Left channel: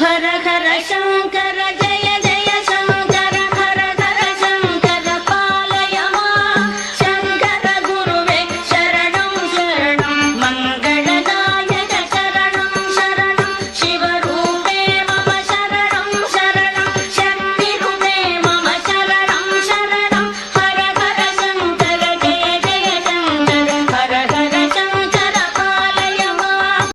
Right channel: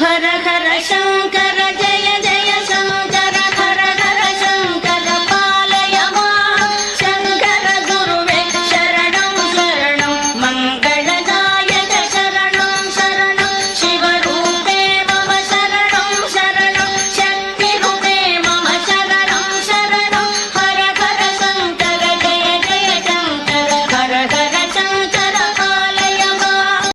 హర హర శంకర జయ జయ శంకర హర హర శంకర పాలయ మాం శంకర గురువే శరణం శరణం మంగళదాయక శరణం శరణం శివరూపే మమ శరణం శరణం శక్తి రూపే మమ శరణం శరణం హర హర శంకర జయ జయ శంకర హర హర శంకర పాలయ మాం.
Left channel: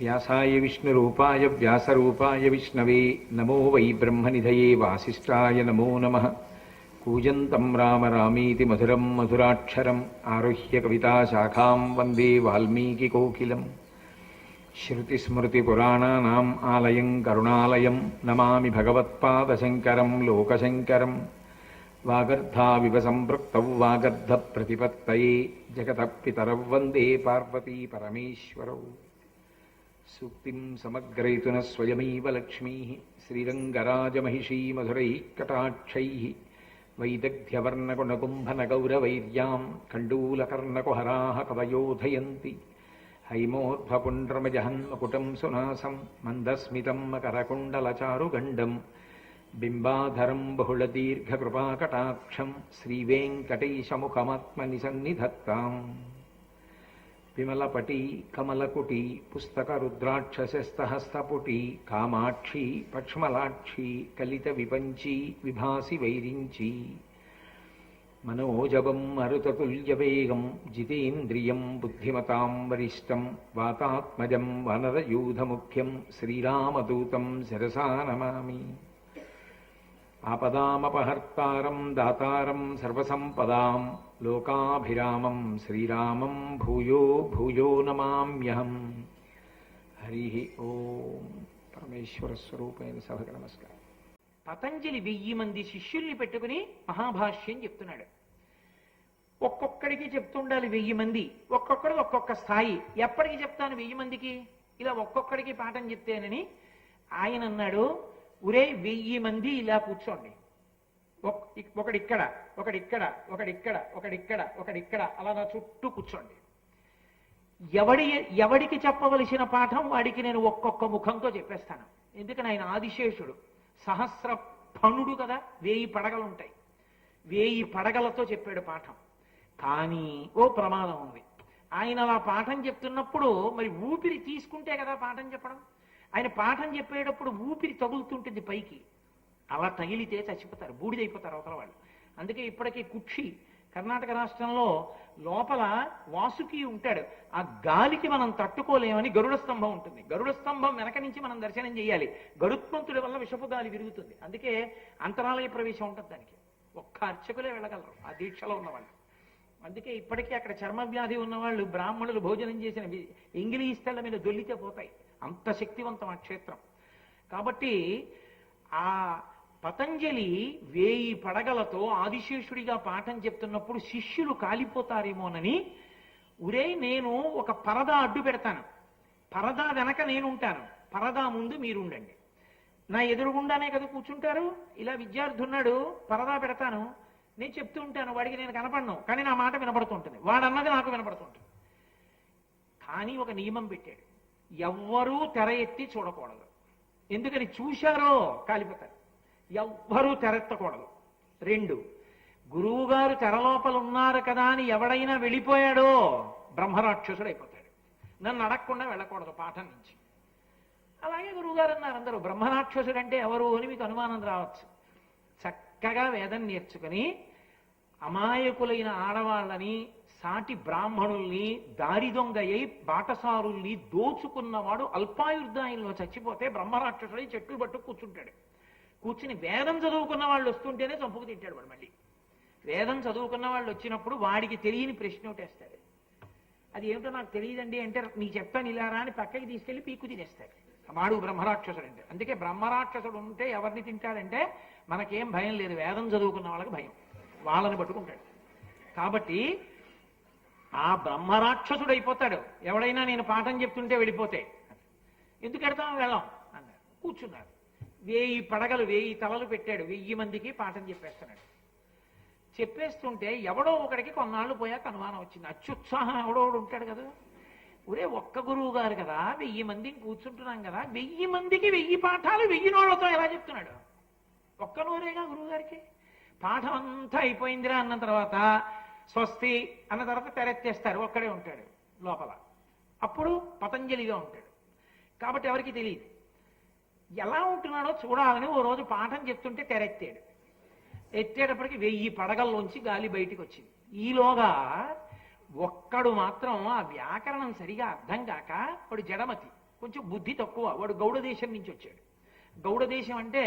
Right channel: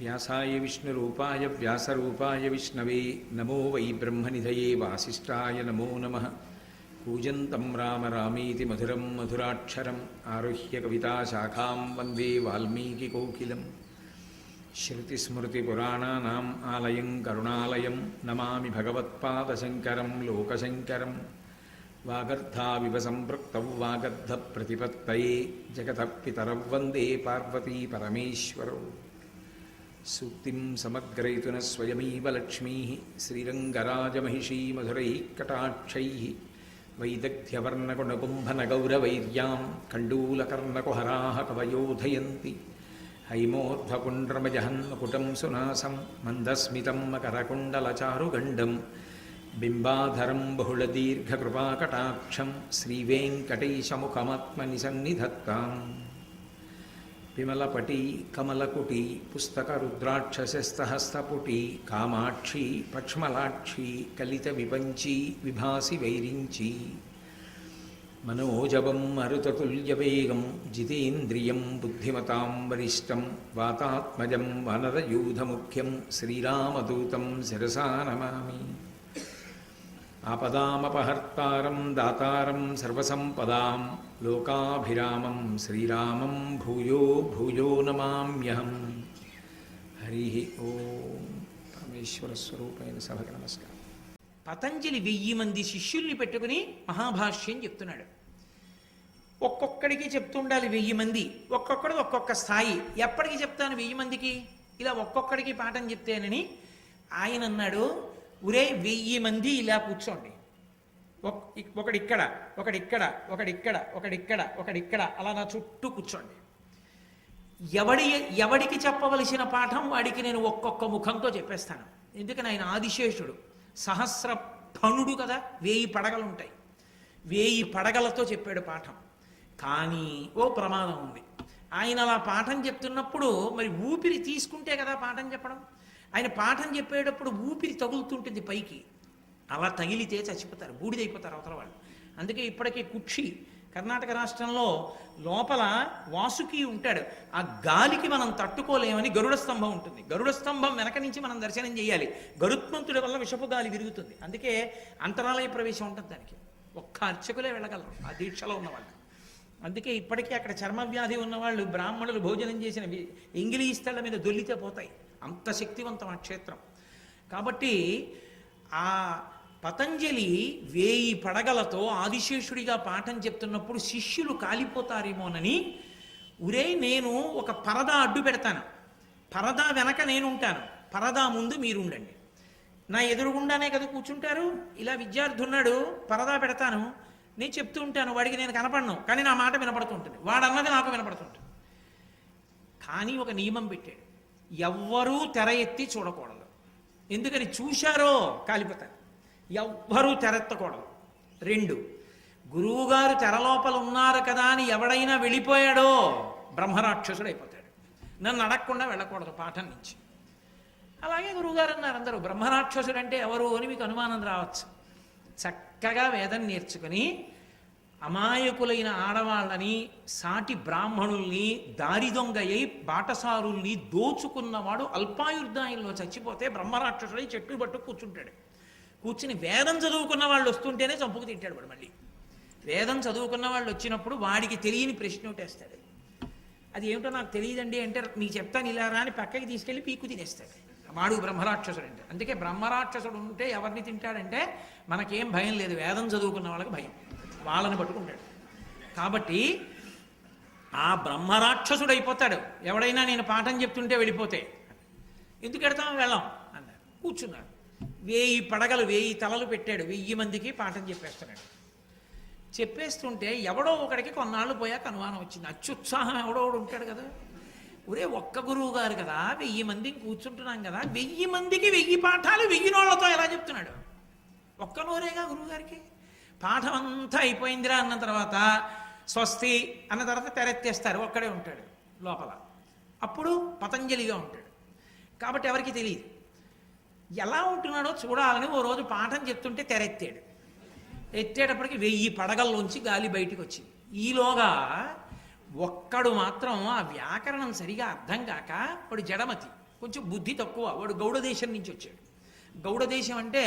వ్యాసాయ విష్ణురూపాయ వ్యాసరూపాయ విష్ణవే నమో వై బ్రహ్మనిధయే వాసిష్ఠాయ నమో నమః. కూజంతం రామ రామీతి మధురం మధురాక్షరం ఆరుహ్య కవితాశాఖాం వందే వాల్మీకికోకిలం. శృతిస్మృతిపురాణానాం ఆలయం కరుణాలయం నమామి భగవత్పాదశంకరం లోకశంకరం. వాగర్ధావివ సంపృక్తౌ వాగర్ధప్రతిపత్తయే జగతః పితరౌ వందే పార్వతీ పరమేశ్వరౌ. సూక్తిం సమగ్రయతున స్వయమేవ లక్ష్మీ శ్రీరంగరాజమహిషీ మధురైః కటాక్షైః వైదగ్ధ్యవర్ణకుణకుంభనగౌరవైర్యాం కండూలకర్ణకుహరాः కవయోధయంతి. హైమోర్ధ్వపుండ్రమజహన్మకుటం సునాసం మందస్మితం మకరకుండలచారుగండం బింబాధరం బహుళదీర్ఘకృపాకటాక్షం శ్రీవేంకటేశముఖమాత్మని సన్నిధత్తాం. విమలపటి కమలకుటి పుస్తక రుద్రాక్షసస్తహస్తపుటి కామాక్షి పక్ష్మలాక్షి కలిత విపంచి విభాసి వైరించి. మనోజవం మరుతతుల్యవేగం జితేంద్రియం బుద్ధిమతాం వరిష్టం వాతాత్మజం వనరయూధముఖ్యం శ్రీరామదూతం శిరసా నమామి. ఆపదామపహర్తారం దాతారం సర్వసంపదాం లోకాభిరామం శ్రీరామం భూయో భూయో నమామ్యహం. హరి ఓం. పరమేశ్వర స్వరూపైన సభకి నమస్కారం. పతంజలి 1000 మంది శిష్యుల్ని పెట్టుకుని మహాభాష్యం చెప్తున్నాడు. ఒక్కొక్కడికి చెప్తుండాలి 1000 మంది, ఒక్కొక్కడు ఒక్కొక్క స్థాయి. ఎప్పటికి చెప్తాను 1000 మందికి? ఇలా ఒక్కొక్కడికి పాఠం చెప్తేనని ఆయన అన్నాడు, ఒరే 1000 మంది ఇలా కూర్చోండి, ఒకడిక్కడ ఒకడిక్కడ ఒకడిక్కడ ఒకడిక్కడ ఒకడిక్కడ అలా నా చుట్టూ కూర్చోండి. ఎవడికి చెప్పవలసిన పాఠం వాడికి నేను ఒక్కొక్క ముఖంతో చెప్పేస్తాను. ఎందుకని ఆయన ఆదిశేషుడు, సహస్ర ఫణుడు కదా, 1000 పడగలుంటాయి. 1000 పడగలతో చెప్పాడు పాఠం. కానీ ఓ ప్రమాదం ఉంది. ఆయన అలా పాఠం చెప్తున్నప్పుడు మరి ఊపిరి తీసుకుంటే కదా పాఠం చెప్పడం. ఆయన పాఠం చెప్పేటప్పుడు ఊపిరి తగులుతుంటుంది పైకి, అలా తగిలితే చచ్చిపోతారు, బూడిదైపోతారు అవతల వాళ్ళు. అందుకే ఇప్పటికీ కుక్షి కర్ణాటక రాష్ట్రంలో లోపల వాసుకి ఉంటాడు. ఆ గాలికి మనం తట్టుకోలేమని గరుడ స్తంభం ఉంటుంది. గరుడ స్తంభం వెనక నుంచి మనం దర్శనం చేయాలి. గరుత్మంతుడి వల్ల విషపు గాలి విరుగుతుంది. అందుకే అంతరాలయ ప్రవేశం ఉంటుంది దానికి. ఒక్క అర్చకులే వెళ్ళగలరు ఆ దీక్షలో ఉన్నవాళ్ళు. అందుకే ఇప్పటికీ అక్కడ చర్మవ్యాధి ఉన్నవాళ్ళు బ్రాహ్మణులు భోజనం చేసిన ఎంగిలి స్థళ్ళ మీద దొల్లితే పోతాయి. అంత శక్తివంతం ఆ క్షేత్రం. కాబట్టి ఆ పతంజలి 1000 పడగలతో ఆదిశేషుడిగా పాఠం చెప్తున్నప్పుడు శిష్యులు కాలిపోతారేమోనని, ఒరే నేను ఒక పరదా అడ్డు పెడతాను, పరదా వెనక నేను ఉంటాను, పరదా ముందు మీరు ఉండండి, నా ఎదురుగుండానే కదా కూర్చుంటారు. ఇలా విద్యార్థి ఉన్నాడు, పరదా పెడతాను, నేను చెప్తూ ఉంటాను, వాడికి నేను కనపడను, కానీ నా మాట వినపడుతుంటుంది, వాడన్నది నాకు వినపడుతుంటుంది. కానీ ఒక నియమం పెట్టాడు, ఎవ్వరూ తెర ఎత్తి చూడకూడదు. ఎందుకని? చూశారో కాలిపోతారు. ఎవ్వరూ తెరెత్తకూడదు. 2, గురువుగారు తెరలోపల ఉన్నారు కదా అని ఎవడైనా వెళ్ళిపోయాడో బ్రహ్మరాక్షసుడు అయిపోతాడు. నన్ను అడగకుండా వెళ్ళకూడదు పాఠం నుంచి. అలాగే గురువుగారు అన్నారు అందరూ. బ్రహ్మరాక్షసుడు అంటే ఎవరు అని మీకు అనుమానం రావచ్చు. చక్కగా వేదం నేర్చుకుని అమాయకులైన ఆడవాళ్ళని, సాటి బ్రాహ్మణుల్ని, దారి దొంగయ్యి బాటసారుల్ని దోచుకున్నవాడు అల్పాయుర్దాయంలో చచ్చిపోతే బ్రహ్మరాక్షసుడై చెట్టు పట్టు కూర్చుంటాడు. కూర్చుని వేదం చదువుకున్న వాళ్ళు వస్తుంటేనే చంపుకు తింటాడు వాడు. మళ్ళీ వేదం చదువుకున్న వాళ్ళు వచ్చినప్పుడు వాడికి తెలియని ప్రశ్న ఒకటేస్తాడు. అది ఏమిటో నాకు తెలియదండి అంటే, నీకు చెప్తాను ఇలా రా అని పక్కకి తీసుకెళ్ళి పీక్కు తినేస్తాడు. వాడు బ్రహ్మరాక్షసుడు అంటే. అందుకే బ్రహ్మరాక్షసుడు ఉంటే ఎవరిని తింటాడంటే మనకేం భయం లేదు, వేదం చదువుకున్న వాళ్ళకి భయం, వాళ్ళని పట్టుకుంటాడు. కాబట్టి ఆ బ్రహ్మరాక్షసుడు అయిపోతాడు ఎవడైనా నేను పాఠం చెప్తుంటే వెళ్ళిపోతే. ఎందుకు వెడతాం? వెళ్ళాం అన్నాడు. కూర్చున్నాడు. 1000 పడగలు 1000 తలలు పెట్టాడు. 1000 మందికి పాఠం చెప్పేస్తున్నాడు. చెప్పేస్తుంటే ఎవడో ఒకడికి కొన్నాళ్ళు పోయాక అనుమానం వచ్చింది. అత్యుత్సాహం ఎవడో ఒకడు ఉంటాడు కదా, ఒరే ఒక్క గురువు గారు కదా 1000 మందిని కూర్చుంటున్నాం కదా, 1000 మందికి 1000 పాఠాలు 1000 నోళ్లతో ఎలా చెప్తున్నాడు? ఒక్క నోరేగా గురువు గారికి. పాఠం అంతా అయిపోయిందిరా అన్న తర్వాత స్వస్తి అన్న తర్వాత తెరెత్తేస్తారు, ఒక్కడే ఉంటాడు లోపల. అప్పుడు పతంజలిగా ఉంటాడు. కాబట్టి ఎవరికి తెలియదు. ఎలా ఉంటున్నాడో చూడాలని ఓ రోజు పాఠం చెప్తుంటే తెరెత్తాడు. ఎత్తేటప్పటికి 1000 పడగల్లోంచి గాలి బయటికి వచ్చింది. ఈలోగా ఒక్కడు మాత్రం ఆ వ్యాకరణం సరిగా అర్థం కాక, వాడు జడమతి, కొంచెం బుద్ధి తక్కువ, వాడు గౌడ దేశం నుంచి వచ్చాడు. గౌడ దేశం అంటే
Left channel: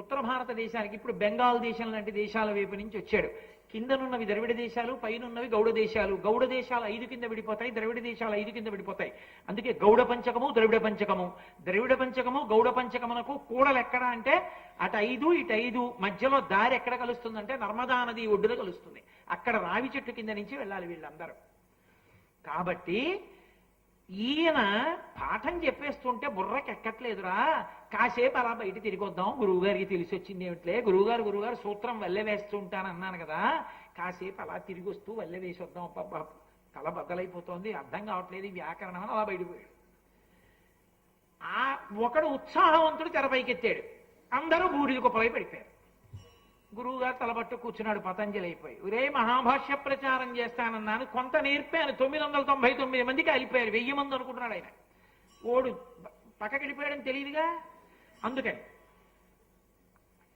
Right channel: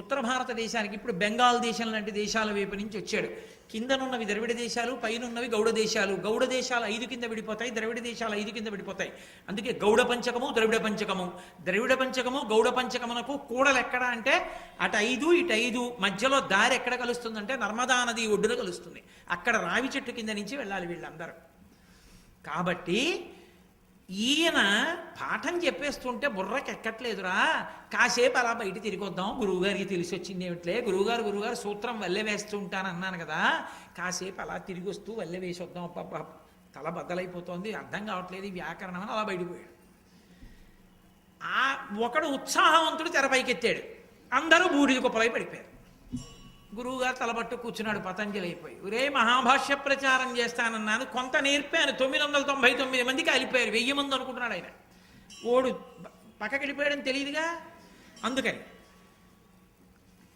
ఉత్తర భారతదేశానికి, ఇప్పుడు బెంగాల్ దేశం లాంటి దేశాల వైపు నుంచి వచ్చాడు. కిందనున్నవి ద్రవిడ దేశాలు, పైనున్నవి గౌడ దేశాలు. గౌడ దేశాలు 5 కింద విడిపోతాయి, ద్రవిడ దేశాలు 5 కింద విడిపోతాయి. అందుకే గౌడ పంచకము, ద్రవిడ పంచకము. ద్రవిడ పంచకము గౌడ పంచకమునకు కూడలు ఎక్కడ అంటే అటు 5 ఇటు 5 మధ్యలో దారి ఎక్కడ కలుస్తుందంటే నర్మదా నది ఒడ్డున కలుస్తుంది. అక్కడ రావి చెట్టు కింద నుంచి వెళ్ళాలి వీళ్ళందరూ. కాబట్టి ఈయన పాఠం చెప్పేస్తుంటే బుర్రకి ఎక్కట్లేదురా, కాసేపు అలా బయట తిరిగొద్దాం, గురువుగారికి తెలిసి వచ్చింది ఏమిట్లే, గురువుగారు సూత్రం వల్లె వేస్తూ ఉంటాను అన్నాను కదా, కాసేపు అలా తిరిగి వస్తూ వల్లె వేసి వద్దాం, తల బద్దలైపోతుంది, అర్థం కావట్లేదు ఈ వ్యాకరణం అని అలా బయటపోయాడు. ఒకడు ఉత్సాహవంతుడు తెరపైకెత్తాడు, అందరూ బూడిద కుప్పలై పడిపోయారు. గురువుగారు తలబట్టు కూర్చున్నాడు పతంజలి అయిపోయి. ఒరే మహాభాష్య ప్రచారం చేస్తానన్నాను, కొంత నేర్పాను, 999 మందికి వెళ్ళిపోయారు, 1000 మంది అనుకుంటున్నాడు ఆయన. ఓడు పక్కకి వెళ్ళిపోయాడని తెలియదుగా. అందుకని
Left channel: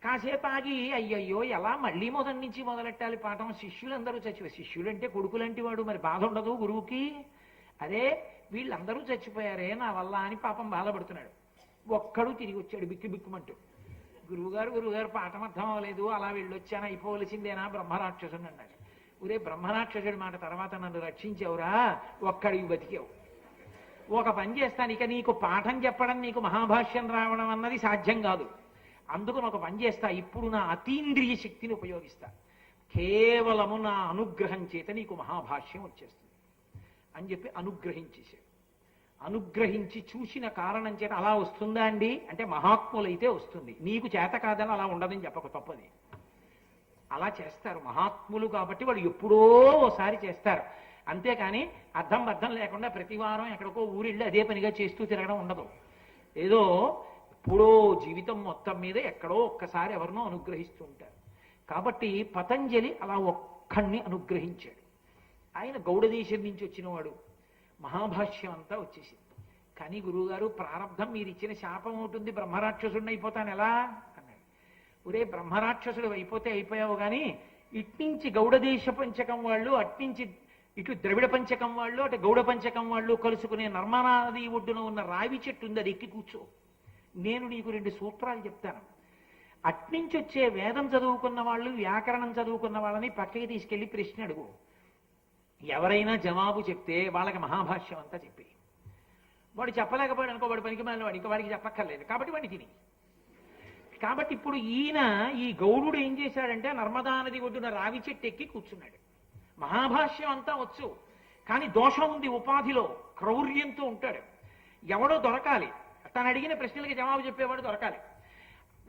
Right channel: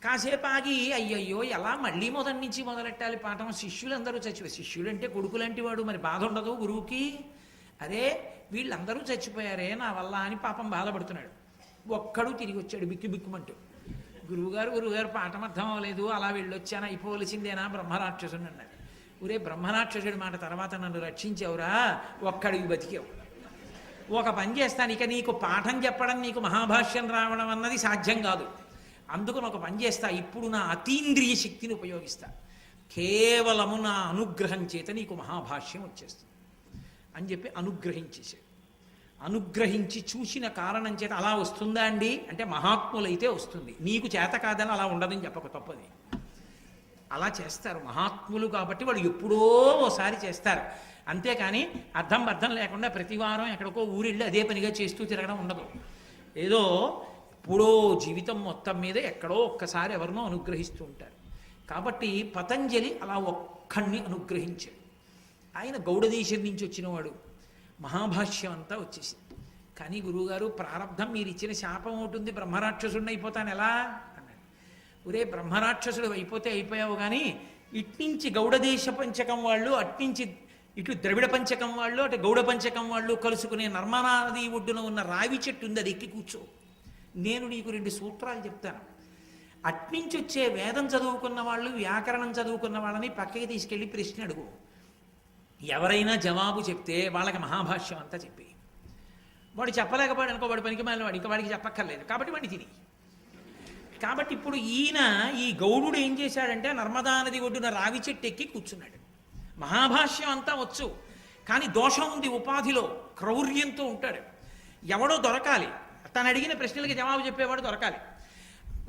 కాసేపు ఆగి అయ్యయ్యో ఎలా మళ్ళీ మొదటి నుంచి మొదలెట్టాలి పాఠం, శిష్యులందరూ చచ్చిపోయారు. శిష్యుడు అంటే కొడుకులంటి వాడు, మరి బాధ ఉండదు గురువుకి. అదే వీళ్ళందరూ చచ్చిపోయారే నా వల్ల అని పాపం బాధపడుతున్నాడు. ఒక్కడు తిరిగి వచ్చాడు బిక్కు బిక్కుమంటూ. గురువుగారు పాఠం అర్థం అవ్వలేదు, అలా వెళ్ళొచ్చాను, అయిపోవలసిందేనా బ్రహ్మరాక్షసుడు అన్నాడు. ఊరే బ్రహ్మరాక్షసుడి మాట తర్వాత నన్ను రక్షించావురా, ఒక్కడికి బతికావు. ఒక పని చేస్తాను, ఇక నీకు పాఠం చెప్పడం, నీకు మహాభాష్యం రావడం అన్నది సాధ్యం కాదు. అందుకు ఒక పని చేస్తా, ఇప్పుడు నా అతీంద్రియ శక్తిని ఉపయోగిస్తా, కేవలము నా అనుగ్రహం చేత నీకు మహాభాష్యం వచ్చేస్తుంది అని చెప్పి అనుగ్రహించేశాడు. అనుగ్రహించి చూసిన కారణం చేత అలా వస్తుందా అండి అంటే మహాత్ములైతే వస్తుంది, నీకు చేత కాదని అలా ఉండదని చెప్పక తప్పది. అలా చేస్తారు మహాత్ములు కాబట్టి, వాడు ఎప్పుడో ఓసారి చేస్తారు. అంతేకాని అర్థం లేకుండా ప్రతి వారం ఎక్కడికో ఊరిళ్ళి అదే పనిగా చేస్తూ తిరగడం ఉండదు. ఏదో ఎప్పుడో జీవితం మొత్తం మీద ఎక్కడో ఒక్కసారి ఎవరినో అనుగ్రహిస్తూ ఉంటారు. కాబట్టి పతంజలి అలా ఒక్కడిని అనుగ్రహించాడు. ఆయన గౌడదేశం నుంచి వచ్చినవాడు, మహాభాష్యం అంతా వచ్చేసింది. కానీ గురువుగారు ప్రారంధం మీరు ఇచ్చిన శాపం అవుతుంది, బ్రహ్మరాక్షసుడిని అయిపోతాను ఎలా అన్నాడు. ఒరే బ్రహ్మరాక్షసుడు అయిపోతే అయిపోయావు, కానీ ఇట్నుంచి గౌడదేశ పంచకం వాళ్ళు, అట్నుంచి ఇటు ద్రవిడ పంచకం వాళ్ళు, అటు గౌడ పంచకం వాళ్ళు కలుసుకునే నర్మదా నది ఒడ్డున ఉన్న రావి చెట్టు ఉంది, అది ఎక్కి కూర్చో, నేను నీకు 2 సూత్రాలు చెప్తాను. అట్నుంచి వచ్చే వేదం చదువుకున్న వాళ్ళు, వ్యాకరణం చదువుకున్న వాళ్ళని పక్కకి తీసుకెళ్ళి ప్రశ్న అడుగు. ఎవరైనా జవాబు చెప్తే వాళ్ళకి మహాభాష్యం అంతా చెప్పి, వాడు చెప్పలేకపోయాడు అనుకో, వాడి పనికి మళ్ళీ వాడు ఇంకా వాడికి చెప్పక్కర్లేదు, కాబట్టి వాడిని తిని. కాబట్టి ఇప్పుడు ఈయన ఈ గౌడుడు ఏం చేశాడంటే నర్మదా నది ఒడ్డున రావి చెట్టు ఎక్కి కూర్చున్నాడు. మహాభాష్యం అంతా వచ్చు, కానీ దోషం ఉంది, ఉపాధిలో క్రౌర్యంతో ఉంటాడు. ఎవడో దొరకాలి, తను అడిగిన ప్రశ్నలకి జవాబు చెప్పేవాడు దొరకాలి.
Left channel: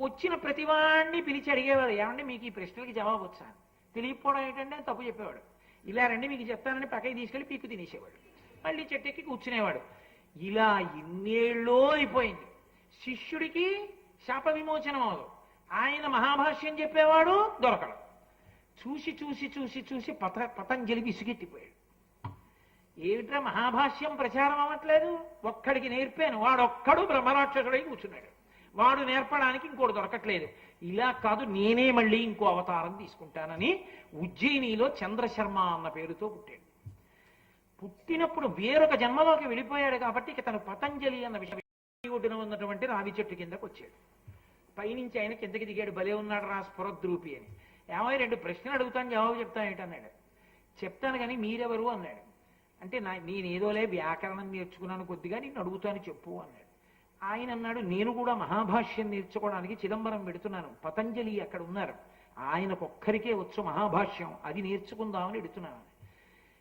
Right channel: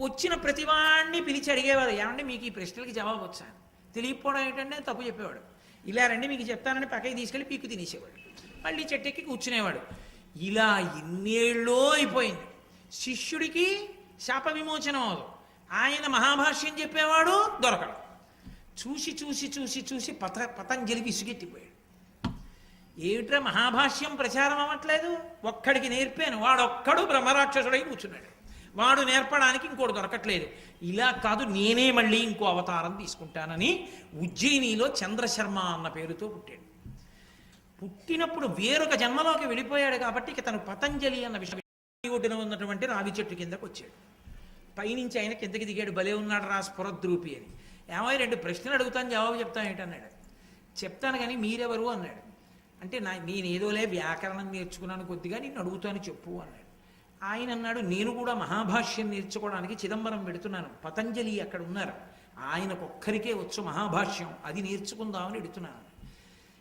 వచ్చిన ప్రతివాడిని పిలిచి అడిగేవాడు, ఏమంటే మీకు ఈ ప్రశ్నలకి జవాబు వచ్చా, తెలియకపోవడం ఏంటంటే తప్పు చెప్పేవాడు. ఇలా రండి మీకు చెప్తానని పక్కకి తీసుకెళ్ళి పీక్కు తినేసేవాడు, మళ్ళీ చెట్టెక్కి కూర్చునేవాడు. ఇలా ఇన్నేళ్ళో అయిపోయింది. శిష్యుడికి శాప విమోచనం అవదు, ఆయన మహాభాష్యం చెప్పేవాడు దొరకడు. చూసి చూసి చూసి చూసి పతంజలి విసుగెత్తిపోయాడు. ఏమిట్రా మహాభాష్యం ప్రచారం అవ్వట్లేదు, ఒక్కడికి నేర్పాను, వాడొక్కడు బ్రహ్మరాక్షసుడై కూర్చున్నాడు, వాడు నేర్పడానికి ఇంకోటి దొరకట్లేదు. ఇలా కాదు, నేనే మళ్ళీ ఇంకో అవతారం తీసుకుంటానని ఉజ్జయినిలో చంద్రశర్మ అన్న పేరుతో పుట్టాడు. పుట్టినప్పుడు వేరొక జన్మలోకి వెళ్ళిపోయాడు కాబట్టి ఇక తను పతంజలి అన్న విషయం ఒడ్డున ఉన్నటువంటి రావి చెట్టు కిందకు వచ్చాడు. పైనుంచి ఆయన కిందకి దిగాడు, భలే ఉన్నాడు రా స్ఫురద్రూపి అని. ఏమో 2 ప్రశ్నలు అడుగుతాను జవాబు చెప్తాను ఏంటన్నాడు. చెప్తాను కానీ మీరెవరు అన్నాడు. అంటే నేనేదోలే వ్యాకరణం నేర్చుకున్నాను కొద్దిగా, నేను అడుగుతాను చెప్పు అన్నాడు. ఆయన అన్నాడు, నేను కూడా మహాభాష్యం నేర్చుకోవడానికి చిదంబరం పెడుతున్నాను, పతంజలి అక్కడ ఉన్నారు, ఆయనకొక్కరికే వచ్చు మహాభాష్యం, అది నేర్చుకుందామని ఎడుతున్నాను.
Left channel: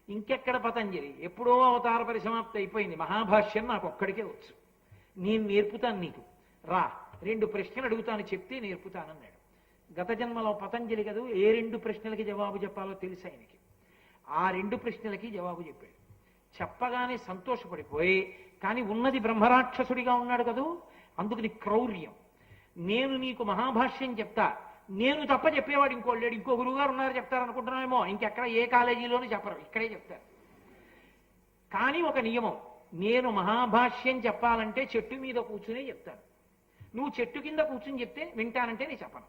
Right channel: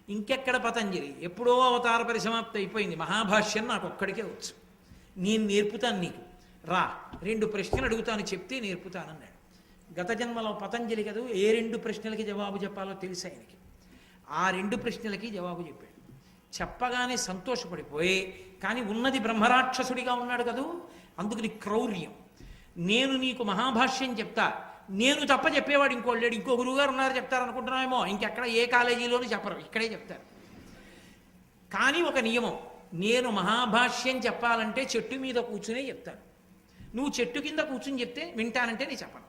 ఇంకెక్కడ పతంజలి, ఎప్పుడో అవతార పరిసమాప్తి అయిపోయింది, మహాభాష్యం నాకు ఒక్కడికే వచ్చు, నేను నేర్పుతాను నీకు రా 2 ప్రశ్నలు అడుగుతాను చెప్తే నేర్పుతానన్నాడు. గత జన్మలో పతంజలి కదూ ఏ 2 ప్రశ్నలకి జవాబు చెప్పాలో తెలుసు ఆయనకి. ఆ 2 ప్రశ్నలకి జవాబు చెప్పాడు. చెప్పగానే సంతోషపడిపోయి, కానీ ఉన్నది బ్రహ్మరాక్షసుడిగా ఉన్నాడు కదూ, అందుకని క్రౌర్యం. నేను నీకు మహాభాష్యం చెప్తా, నేను తప్ప చెప్పేవాడు ఇంకోళ్ళు లేడు, ఇంకో గురువుగారు ఉన్నారు చెప్తారనుకుంటున్నామేమో, ఇంకెక్కడ ఏ కాలేజీలోనూ చెప్పరు, ఇక్కడే చెప్తారు. కానీ ఒక నియమం, నేను మహాభాష్యం చెప్పాలంటే చెట్టు మీద కూర్చునే చెప్తాను. నువ్వు చెట్టు కింద కూర్చుని చెప్తే వింటానంటే నేను చెప్పను.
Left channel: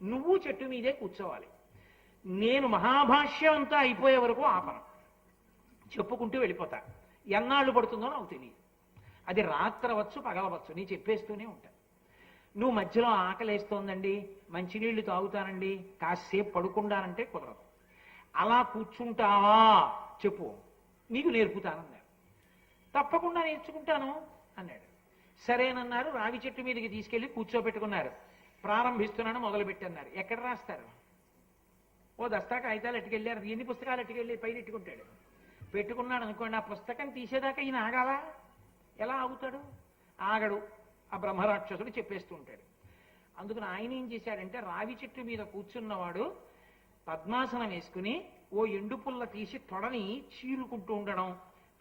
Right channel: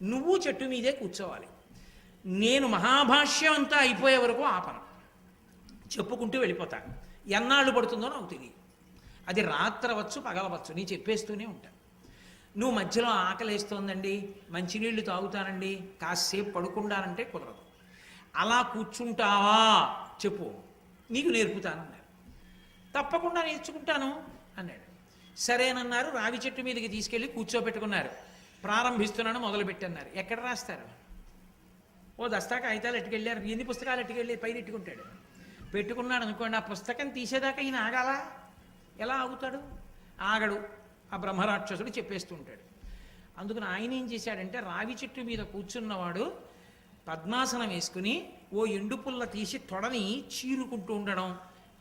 నువ్వు చెట్టు మీదే కూర్చోవాలి. నేను మహాభాష్యం అంతా అయిపోయే వరకు ఆపను, చెప్పుకుంటూ వెళ్ళిపోతాను. ఎన్నాళ్ళు పడుతుందో నాకు తెలియదు. అది రాత్రవచ్చు పగలవచ్చు, నేను చెప్పేస్తూనే ఉంటాను. నువ్వు మధ్యలో ఆకలేస్తోందండి, మంచినీళ్ళు తాగుతానండి, కాసేపు పడుకుంటానంటే కుదరదు. అలా కూర్చుంటావా చెప్పు, నీకు నేర్పుతానన్నాడు. తప్పకుండా నేర్చుకుంటాను అన్నాడు. సరేనన్నారు. రావి చెట్టు మీదకి తీసుకెళ్ళి కూర్చోబెట్టుకున్నారు. ప్రారంభిస్తున్నాను మొదలుపెట్టన్నారు. ఎక్కడ రాస్తారు? ఓ దస్తా కాగితాలు ఎట్టుకెళ్ళారు. ఎన్ని పుస్తకాలు ఎట్టుకెళ్ళి పైన ఎట్టుకుంటాడు. పెట్టుకున్నాడు అనుకోండి, ఆ పుస్తకం తీసేదాకా ఈయన ఆగాలా? ఎలా ఆగుతాడు? ఆగడు. ఆ బ్రహ్మరాక్షసుడు చెప్పేస్తూ ఉంటాడు. అందుకని ఆయన ఏం చేశాడంటే, రావి చెట్టు మీద కూర్చున్నవాడు పద్మాసనం వేసుకుని ఓ ఎండు పుల్ల తీసి తొడని చీరుకుంటూ ఉండడం,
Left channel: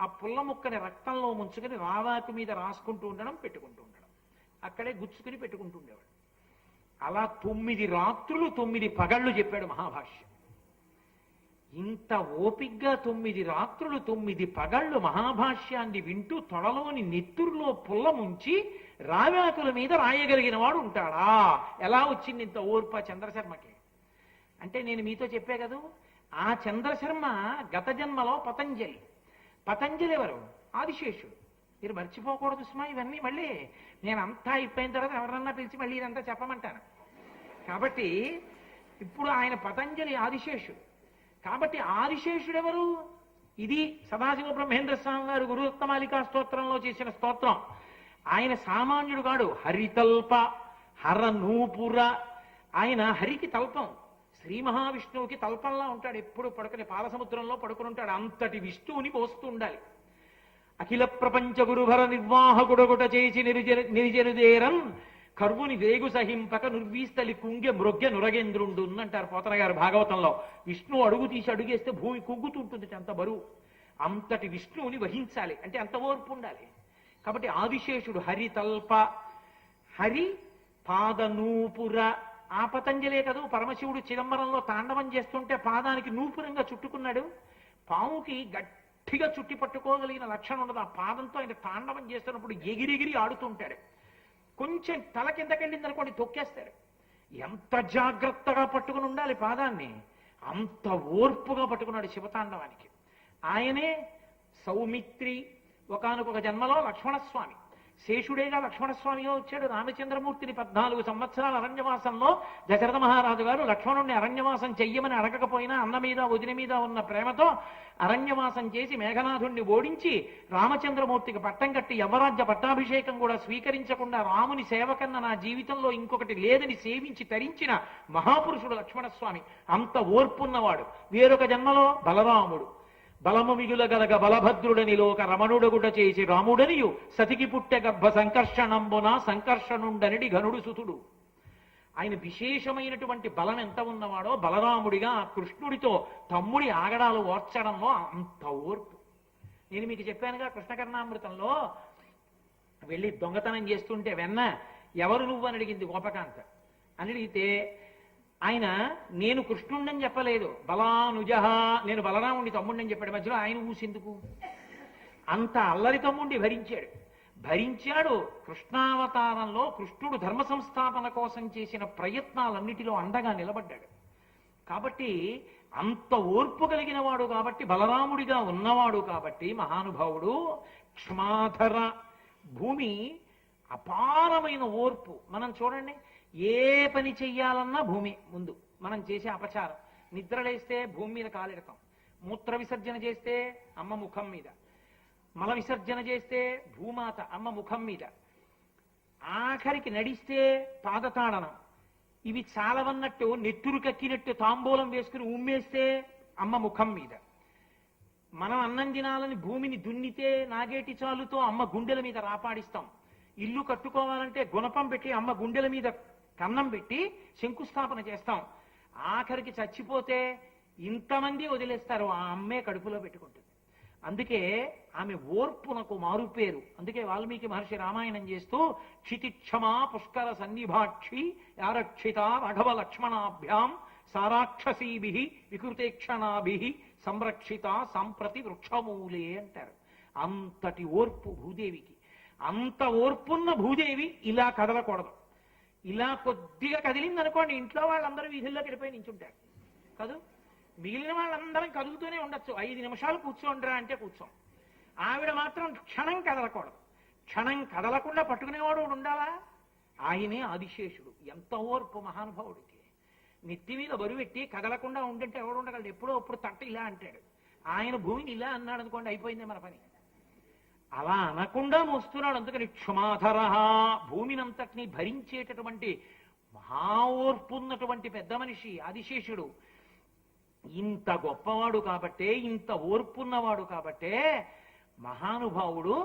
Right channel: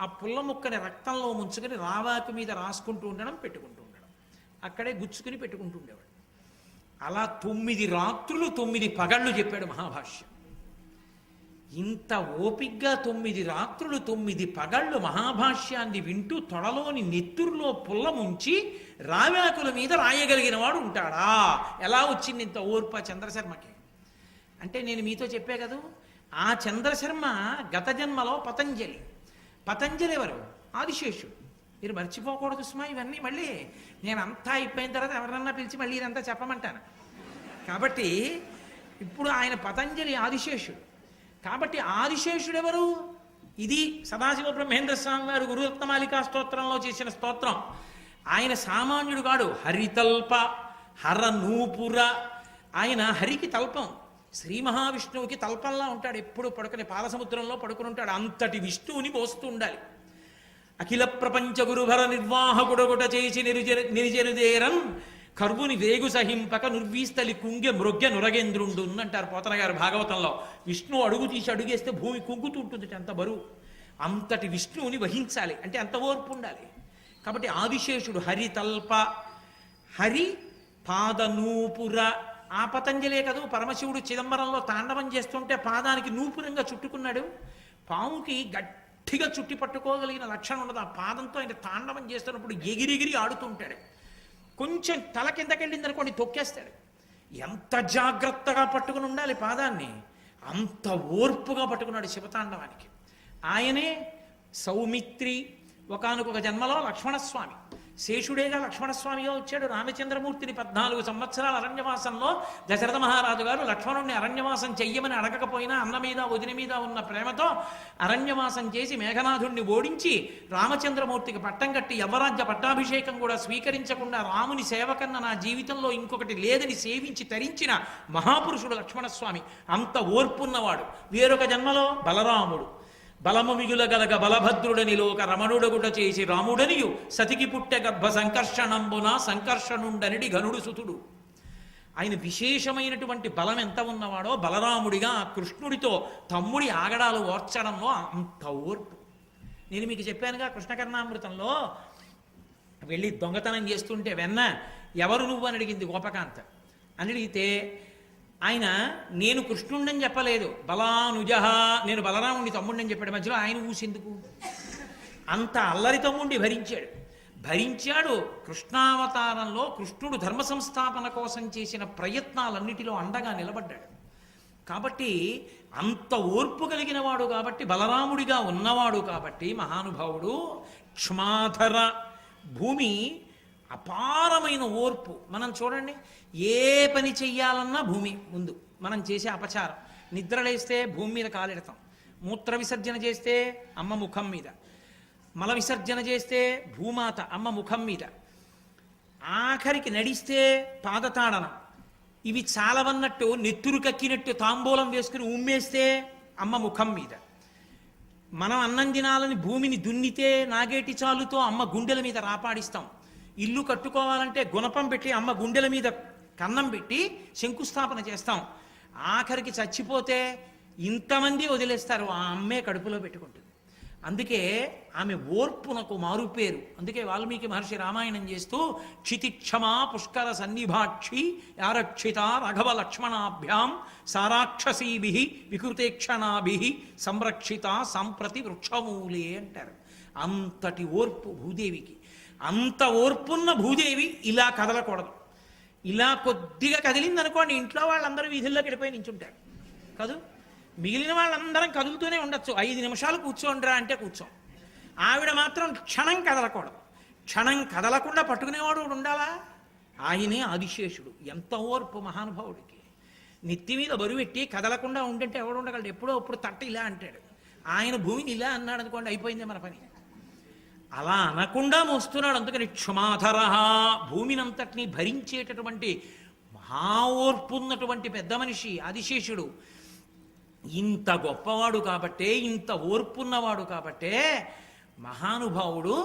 ఆ పుల్ల ముక్కని రక్తంలో ముంచుకొని రావాకు మీద రాసుకుంటూ ఉండడం, పెట్టుకుంటూ ఉండడం, అక్కడే గుచ్చుకుని పెట్టుకుంటూ ఉండేవాడు. అలా 9 రాత్రులు 9 పగళ్ళు చెప్పాడు మహాభాష్యం. ఇంత ఓపిగ్గా 9 రాత్రులు 9 పగళ్ళు మహాభాష్యాన్ని వింటూ తొడలోని నెత్తురులో పుల్ల ముంచి రావాకుల మీద రాయగలిగిన వాడు ఉంటాడా? ఎలా వచ్చింది ఇంత ఓర్ప చంద్రశర్మకి? అంటే నేను మీతో చెప్పే కదూ, ఆ చంద్రశర్మ గత జన్మలో పతంజలి. పతంజలి ఎవరు? ఆదిశేషుడు. మీరు మర్చిపోకూడదు సుమా ఇవన్నీ. మళ్ళీ నేను అంతా అయిపోయిన తర్వాత ఎవరన్నా పిలిచి మళ్ళీ ఇదంతా చెప్పమంటాను. కాబట్టి ఇప్పుడు ఆయన పతంజలి ఆదిశేషుడు. కాబట్టి ఆదిశేషుడు ఎవరు? ఇది సదాశివ బ్రహ్మేంద్ర స్వామి వారు గురురత్నమాలికా స్తోత్రంలో చేసిన స్తోత్రం. ఆయన సామాన్యుడు కాడు. హరితల్ప హరనూపుర. ఆయన హరికి తల్పం, శ్రీ మహావిష్ణువుకి తల్పంలా ఉంటాడు. ఎప్పుడు పడుకుని పాలసముద్రంలో పడుకుని ఉంటాడు. అంతటి విష్ణువుని పోస్తూ ఉండాలి. అఖిల ప్రపంచ గురుభర నిర్వాహకుడొకట చేసి నిరిజనుదేరం కర్వుని వేగు సహింపక నుర్వీస్తలి కుంగె మృగ్య నురగేంద్రుండు అంటారు పోతన గారు భాగవతంలో. విష్ణువు అడుగు తీసి అడుగేస్తే భూమి కుంగుతూ ఉంటుంది, అంత బరువు. అంతటి విష్ణువుని వహించాలి అంటే అంత ఓర్పు ఉండాలి. కాబట్టి ఆదిశేషుడు హరితల్ప, హరి పాదనూపుర. ఆ పతంజలే కదూ పరమశివుడు చిదంబరంలో తాండవం చేస్తుంటే పాదానికి నూపురంగా చుట్టుకున్నాడు. పాముకి గట్టిగా చుట్టి పట్టుకోగలిగిన లక్షణం ఉండదు. ఆ పాదంతో ఆయన తాండవం చేస్తున్నప్పుడు ఎగిరిగిరి ఆడుతుంటాడు. కొంచెం తల కిందకెళ్ళింది అనుకోండి తొక్కేస్తాడు. ఎంత జాగ్రత్తగా పట్టుకుని ఉండాలి పాదాన్ని, అంత ఓర్పుగా పట్టుకున్నాడు శివతాండవానికి. ఆయనే సౌమిత్రి. ఒకానొక జన్మలో లక్ష్మణస్వామి, శేషుడేగా లక్ష్మణస్వామిగా వచ్చాడు. రామచంద్రమూర్తిని 14 సంవత్సరాల అరణ్యవాసంలో దశరథ మహారాజు గారు లక్ష్మణుడిని అరణ్యవాసం చెయ్యమని అడగకపోయినా అన్న మీద వదిన మీద ఉన్న ప్రేమతో అరణ్యవాసం చేసి మేఘనాథుణ్ణి ఓడించి రామచంద్రమూర్తికి పట్టం కట్టి యవరాజ్య పట్టాభిషేకం కూడా స్వీకరించకుండా రాముని సేవకన్న నా జీవితంలో ఇంకొకటి లేదని సేవించి తరించిన మహాపురుషుడు లక్ష్మణస్వామి. అంత ఓర్పున్నవాడు. వేరొక జన్మలో బలరాముడు. బలము మిగులగలగ బలభద్రుడని లోక రమణుడగుట చేసి రాముడనియు సతికి పుట్టె గర్భ సంకర్షణంబున సంకర్షణుండనిడి ఘనుడు సుతుడు. ఆయన విశేషమైనటువంటి బలం ఎంత ఉన్నవాడో బలరాముడిగా కృష్ణుడితో తమ్ముడి ఆగడాలు ఓర్చడంలో అంత ఓర్పు. నేను మీకు చెప్పానుగా కృష్ణకర్ణామృతంలో వెళ్ళి దొంగతనం చేస్తుంటే వెన్న ఎవరు నువ్వు అని అడిగింది గోపకాంత. అని అడిగితే ఆయన నేను కృష్ణుండని చెప్పలేదు, బలానుజహ నేను బలరాముడి తమ్ముడిని చెప్పాడు. మధ్యలో ఆయన ఊసెందుకు? అంత అల్లరి తమ్ముడిని భరించాడు. కృష్ణావతారంలో కృష్ణుడు ధర్మ సంస్థాపన కోసం చేసిన ప్రయత్నాలన్నిటిలో అండగా నిలబడ్డాడు. కాబట్టి అంత ఓర్పు కలిగిన వాడు కాబట్టి, బలరాముడిగా ఉన్నవాడు కాబట్టి మహానుభావుడు. క్షమాధర, భూమి అపారమైన ఓర్పు. మనం చూడండి, ఏ పని చెయ్యాలన్నా భూమి ముందు. మనం చేసే అపచారం, నిద్రలేస్తే భూమి మీద కాలెడతాం, మూత్ర విసర్జన చేస్తే అమ్మ ముఖం మీద, మల విసర్జన చేస్తే భూమాత అమ్మ ముఖం మీద, ఆఖరికి నడిస్తే పాదతాడనం. ఇవి చాలవన్నట్టు నెత్తురు కక్కినట్టు తాంబూలం వేసుకుని ఉమ్మేస్తే అమ్మ ముఖం మీద. మనం అన్నం తినాలని భూమిని దున్నితే నాగేటి చాలుతో అమ్మ గుండెల మీద రాపాడిస్తాం. ఇల్లు కట్టుకోవాలంటే గుణపం పెట్టి అమ్మ గుండెల మీద కన్నం పెట్టి శంకుస్థాపన చేస్తాం. ఆఖరికి చచ్చిపోతే ఇంతమంది వదిలేస్తారు, ఆ అమ్మే కడుపులో పెట్టుకుంటుంది. అందుకే ఆమె ఓర్పునకు మారుపేరు. అందుకే వాల్మీకి మహర్షి రామాయణం చేస్తూ క్షితిక్షమా పుష్కర సన్నిభాక్షి యారక్షిత రఘవ లక్ష్మణాభ్యాం సారాక్షసీభి వికృతేక్షణాభి సంరక్షిత సంప్రతి వృక్షమూలే అంటారు. అంతటి ఓర్పు భూదేవికి. అంత ఓర్పున్న భూదేవి ఇలా కదలకూడదు. ఇలా కొద్దిగా కదిలిందనుకోండి, ఇంట్లో వాళ్ళందరూ వీధుల్లోకి వెళ్ళిపోయి నించుంటారు కాదు. మిగిలిన వాళ్ళందరం కదులుతూనే ఉండొచ్చు. 5 నిమిషాలు కూర్చోండిరా అంటే కూర్చోం. ఆవిడ మాత్రం క్షణం కదలకూడదు. క్షణం కదలకుండా పట్టుకునేవాడు ఉండాలా? ఆయనే ఆదిశేషుడు. ఎంత ఓర్పు మహానుభావుడికి. నెత్తి మీద బరువెట్టి కదలకుండా ఉంటుంటే ఎవడు ఉండగలడు? ఎప్పుడో అప్పుడు తట్ట ఇలా అంటాడు. ఆయన భూమిని ఇలా అన్నాడు అనుకోండి, అయిపోయింది మన పని. అలా అనకుండా మోస్తున్నాడు. అందుకని క్షమాధర, భూమినంతటినీ భరించేటటువంటి మహా ఓర్పు ఉన్నటువంటి పెద్ద మనిషి ఆదిశేషుడు. ఇంత గొప్పవాడు కాబట్టే, ఇంత ఓర్పున్నవాడు కాబట్టే మహానుభావుడు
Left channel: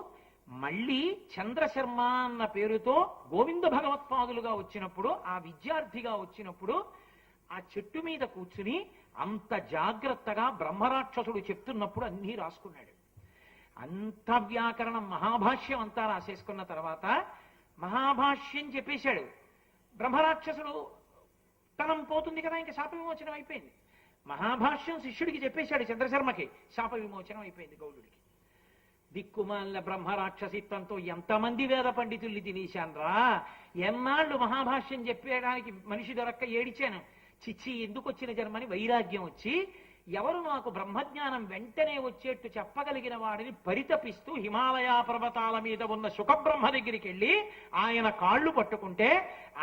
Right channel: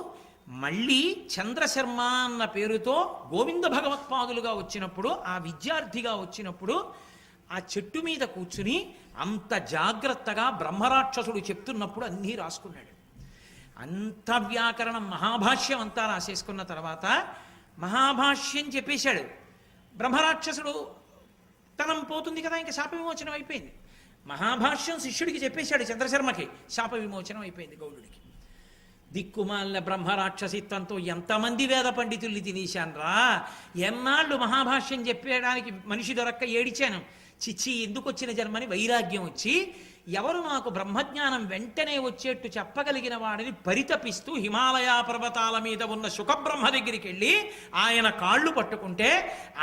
మళ్ళీ చంద్రశర్మ అన్న పేరుతో గోవింద భగవత్పాదులుగా వచ్చినప్పుడు, ఆ విద్యార్థిగా వచ్చినప్పుడు ఆ చెట్టు మీద కూర్చుని అంత జాగ్రత్తగా బ్రహ్మరాక్షసుడు చెప్తున్నప్పుడు అన్నీ రాసుకున్నాడు. అంత వ్యాకరణం మహాభాష్యం అంతా రాసేసుకున్న తర్వాత మహాభాష్యం చెప్పేశాడు. బ్రహ్మరాక్షసుడు తనం పోతుంది కదా, ఇంకా శాప విమోచనం అయిపోయింది. మహాభాష్యం శిష్యుడికి చెప్పేశాడు చంద్రశర్మకి, శాప విమోచనం అయిపోయింది గౌడుడికి. దిక్కుమాలిన బ్రహ్మరాక్షసిత్వంతో ఎంతమంది వేద పండితుల్ని తినేశాన్రా. ఎన్నాళ్ళు మహాభాష్యం చెప్పేయడానికి మనిషి దొరక్క ఏడిచాను. చిచ్చి ఎందుకు వచ్చిన జన్మని వైరాగ్యం వచ్చి, ఎవరు నాకు బ్రహ్మజ్ఞానం వెంటనే వచ్చేట్టు చెప్పగలిగిన వాడిని పరితపిస్తూ హిమాలయ పర్వతాల మీద ఉన్న శుకబ్రహ్మ దగ్గరికి వెళ్ళి ఆయన కాళ్ళు పట్టుకుంటే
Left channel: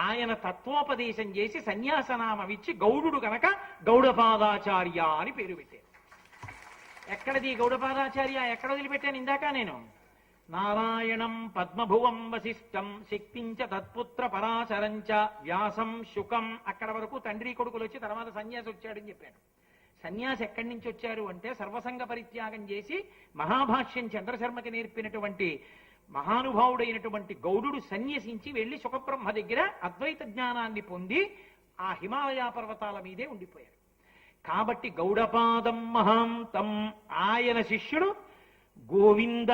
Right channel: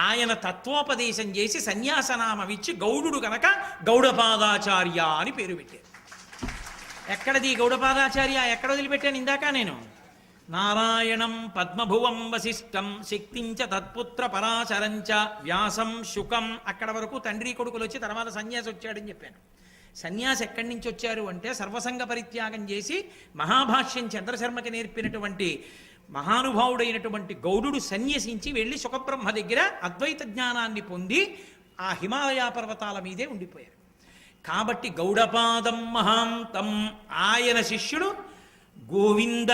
ఆయన తత్వోపదేశం చేసి సన్యాసనామమిచ్చి గౌడుడు కనుక గౌడపాదాచార్య అని పేరు పెట్టారు. ఎక్కడది గౌడపాదాచార్య? ఎక్కడ వదిలిపెట్టాను ఇందాక నేను? నారాయణం పద్మభువం వశిష్టం శక్తించ తత్పుత్ర పరాశరంచ వ్యాసం శుకం. అక్కడ వరకు తండ్రి కొడుకులు వచ్చి తర్వాత సన్యాసి వచ్చాడని చెప్పాను. సన్యాసి ఎక్కడి నుంచి వచ్చారు అంటే సర్వసంగ పరిత్యాగం చేసి మహాభాష్యం చంద్రశర్మకి నేర్పినటువంటి మహానుభావుడైనటువంటి గౌడుడు సన్యసించి వెళ్ళి శుకబ్రహ్మ దగ్గర అద్వైత జ్ఞానాన్ని పొంది ఆ హిమాలయ పర్వతాల మీదే ఉండిపోయారు. కాబట్టి గౌడపాదం మహాంతం, ఆయన శిష్యుడు గోవింద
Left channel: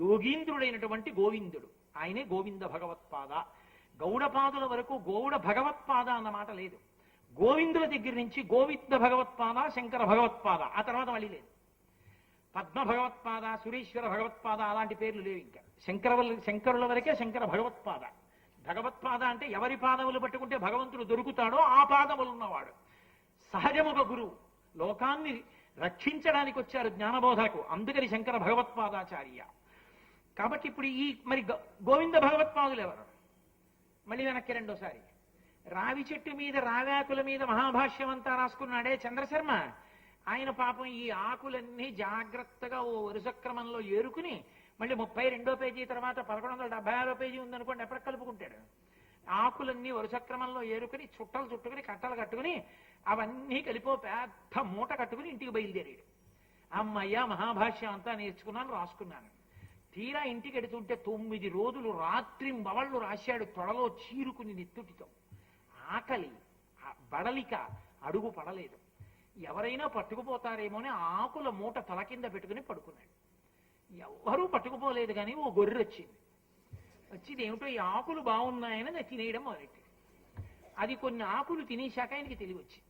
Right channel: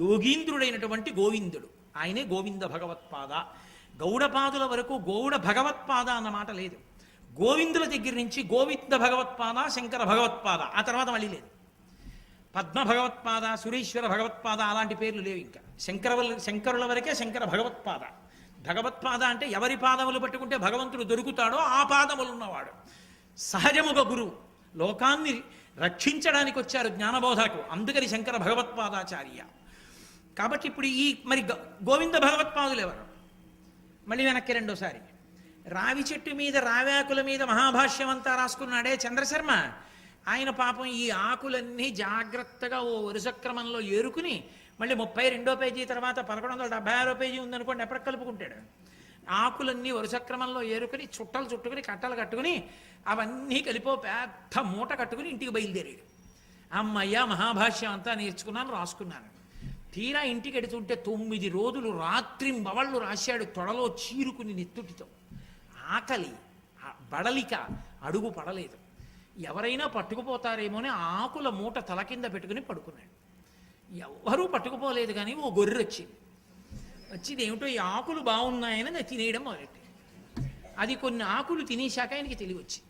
యోగీంద్రుడైనటువంటి గోవిందుడు. ఆయనే గోవింద భగవత్పాద. గౌడపాదుల వరకు గౌడ భగవత్పాద అన్న మాట లేదు. గోవిందుల దగ్గర నుంచి గోవింద భగవత్పాద, శంకర భగవత్పాద, ఆ తర్వాత మళ్ళీ లేదు. పద్మ భగవత్పాద, సురేశ్వర భగవత్పాద అలాంటి పేర్లు లేవు. ఇంకా శంకరుల వరకే శంకర భగవత్పాద. భగవత్పాద అంటే ఎవరి పాదములు పట్టుకుంటే భగవంతుడు దొరుకుతాడో ఆ పాదములు ఉన్నవాడు. సహజముగ గురువు. లోకాన్ని రక్షించడానికి వచ్చారు జ్ఞానబోధకు, అందుకని శంకర భగవత్పాదాచార్య. కాబట్టి ఇప్పుడు ఈ మరి గోవింద భగవత్పాదులు ఎవరు? మళ్ళీ వెనక్కి రెండోసారి. రావి చెట్టు మీద రావ్యాకుల మీద మహాభాష్యం అంతా రాసుకున్నాడే చంద్రశర్మ, ఆయన పాపం ఈ ఆకులన్నీ జాగ్రత్తగా ఓ వరుస క్రమంలో ఏరుకుని మళ్ళీ 32వ పేజీ తర్వాత 1176వ పేజీ ఉందనుకోండి, ఎప్పటికి కలుపుకుంటాడు. ఆకులన్నీ వరుస క్రమంలో ఏరుకుని చుట్టలు చుట్టుకుని కట్టలు కట్టుకుని అవన్నీ కలిపో పెద్ద మూట కట్టుకుని ఇంటికి బయలుదేరాడు. అమ్మయ్య మహాభాష్యం అంతా నేర్చుకున్నాను, రాసుకున్నాను. తీరా ఇంటికి ఎడుతుంటే 9 రోజులు రాత్రింబవళ్ళు రాశాడు, తొడలో చీరుకుని నెత్తుటితో. ఆకలి బడలిక అడుగు పడలేదు. ఎవరైనా పట్టుకుపోతారేమో అని ఆకుల మూట తల కింద పెట్టుకుని పడుకున్నాడు. ఎవ్వరూ పట్టుకుపోలేదు, కానీ ఓ గొర్రె వచ్చింది. వచ్చింది ఏమిటో ఈ ఆకులు బాగున్నాయని అది తినేయడం మొదలెట్టి, అది కొన్ని ఆకులు తినేశాక ఆయనకి తెలివి వచ్చింది.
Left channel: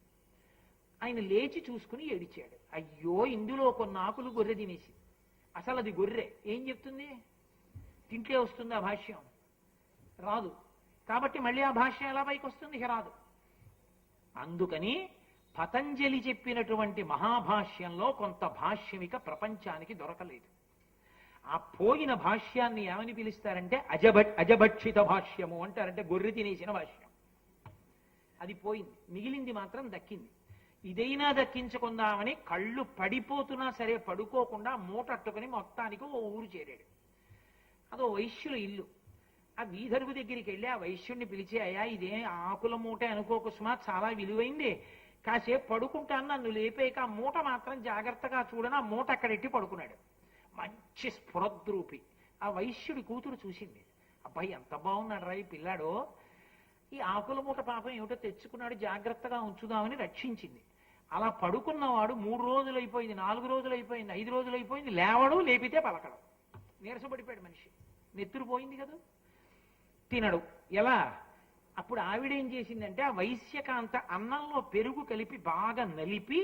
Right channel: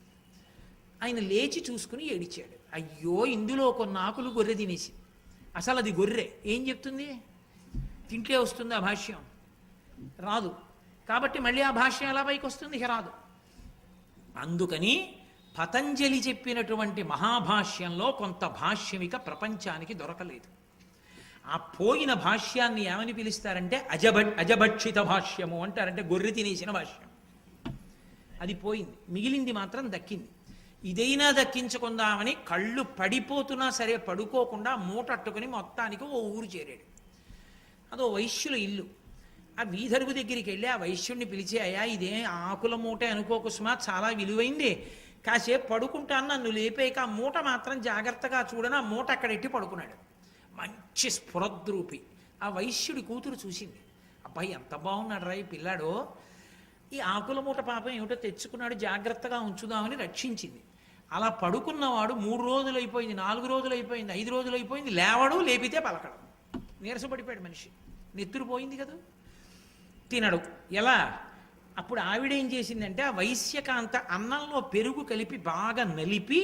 ఆయన లేచి చూసుకుని ఏడిచాడు. అయ్యో, ఇందులో కొన్ని ఆకులు గొర్రె తినేసి. అసలు అది గొర్రె ఏం చెప్తుంది? తింటే వస్తుంది ఆ భాష్యం? రాదు. కాబట్టి మళ్ళీ ఆ భాష్యం ఎలా పైకి వస్తుంది? రాదు. అందుకని పతంజలి చెప్పినటువంటి మహాభాష్యంలో కొంత భాష్యమిక ప్రపంచానికి దొరకలేదు. ఆ పోయిన భాష్యాన్ని ఏమని పిలుస్తారంటే అజభక్షిత భాష్యము అంటారంటే గొర్రె తినేసిన భాష్యం. అది పోయింది, మిగిలింది మాత్రం దక్కింది. ఇదైనా దక్కించుకుందామని కళ్ళు పడిపోతున్నా సరే పడుకోకుండా మూటట్టుకుని మొత్తానికి ఓ ఊరు చేరాడు. అదో వైశ్యుల ఇల్లు. ఆ వీధరుగు దగ్గరికి వెళ్ళి ఆ వైశ్యుడిని పిలిచి, అయ్యా ఇదే ఆకుల మూట అనుకోకు సుమా, చాలా విలువైంది, కాసేపు పడుకుంటాను, నన్ను లేపేక ఆ మూట మాత్రం జాగ్రత్తగా చూడని ఆ మూట అక్కడెట్టి పడుకున్నాడు. మంచి స్ఫురద్రూపి. ఆ వైశ్యుడి కూతురు చూసింది, అబ్బాయి ఎంత బాగున్నాడు రా ఈ పిల్లాడు, ఈ ఆకుల మూట పాపం ఏమిటో తెచ్చుకున్నాడు, జాగ్రత్తగా ఉంచుదామని రక్షించింది. అలా పడుకున్నవాడు 3 రోజులు అయిపోయింది, 4 రోజులు అయిపోయింది, 5 రోజులు అయిపోయింది, లేవడు, లేపితే పలకడం, నీరసపడిపోయాడు మనిషి, నెత్తురు పోయింది కదా, తినడు. ఎలా? అప్పుడు ఆవిడేం చేసిందంటే ఆ వైశ్యకాంత అన్నంలో పెరుగు కలిపి బాగా నలిపి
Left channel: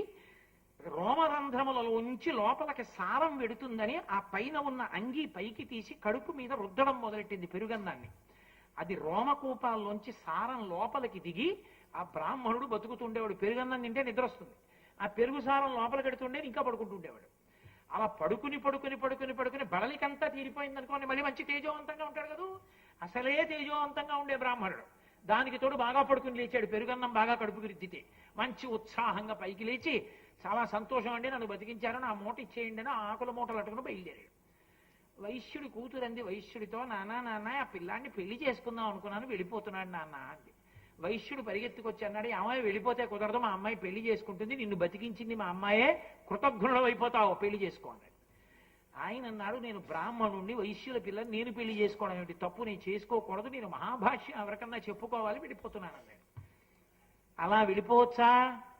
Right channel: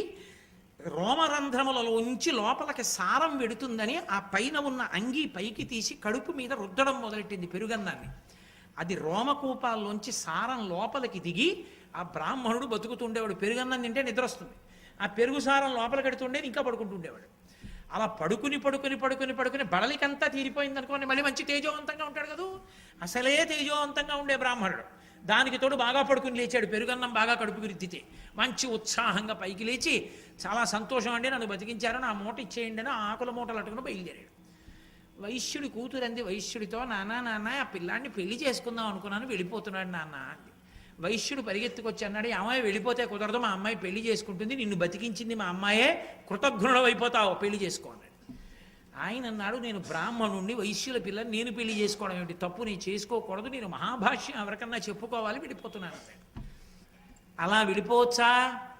రోమరంధ్రములలో ఉంచి లోపలికి సారం వెడుతుందని ఆ పైన ఉన్న అంగీ పైకి తీసి కడుపు మీద రుద్దడం మొదలెట్టింది పెరుగన్నాన్ని. అది రోమకూపాల్లోంచి సారం లోపలికి దిగి ఆ బ్రాహ్మణుడు బతుకుతుండేవాడు. పెరుగన్నం తింటే నిద్ర వస్తుంది, ఆ పెరుగు సారం లోపలికి ఎడుతుండే ఇంకా పడుకుంటుండేవాడు. అలా పడుకుని బడలికంతా తీరిపోయింది అనుకోండి, మళ్ళీ మంచి తేజోవంతంగా ఉంటాడు కదా. అసలే తేజోవంతంగా ఉండే బ్రాహ్మణుడు, దానికి తోడు బాగా పడుకుని లేచాడు, పెరుగన్నం బాగా కడుపుకి రుద్దితే మంచి ఉత్సాహంగా పైకి లేచి, చాలా సంతోషం అండి నన్ను బతికించారు, నా మూట ఇచ్చేయండి అని ఆకుల మూటలు అట్టుకుని బయలుదేరాడు. వైశ్యుడి కూతురంది వైశ్యుడితో, నాన్న ఆ పిల్లాన్ని పెళ్లి చేసుకుందాం అనుకున్నాను, వెళ్ళిపోతున్నాడు నాన్న అంది. వైశ్యుడు పరిగెత్తుకొచ్చి అన్నాడు, అమ్మాయి వెళ్ళిపోతే కుదరదు, మా అమ్మాయి పెళ్లి చేసుకుంటుంది, నిన్ను బతికించింది మా అమ్మాయే, కృతజ్ఞుడు అయిపోతావు, పెళ్లి చేసుకో అన్నాడు. ఆయన అన్నాడు, నేను బ్రాహ్మణుణ్ణి, వైశ్యుల పిల్లని నేను పెళ్లి చేసుకోవడం ఏమిటి, తప్పు నేను చేసుకోకూడదు, నేను మహాభాష్యం ఎవరికన్నా చెప్పుకోవాలి, వెళ్ళిపోతున్నాను అన్నాడు. అలా వెళ్ళిపోవచ్చా,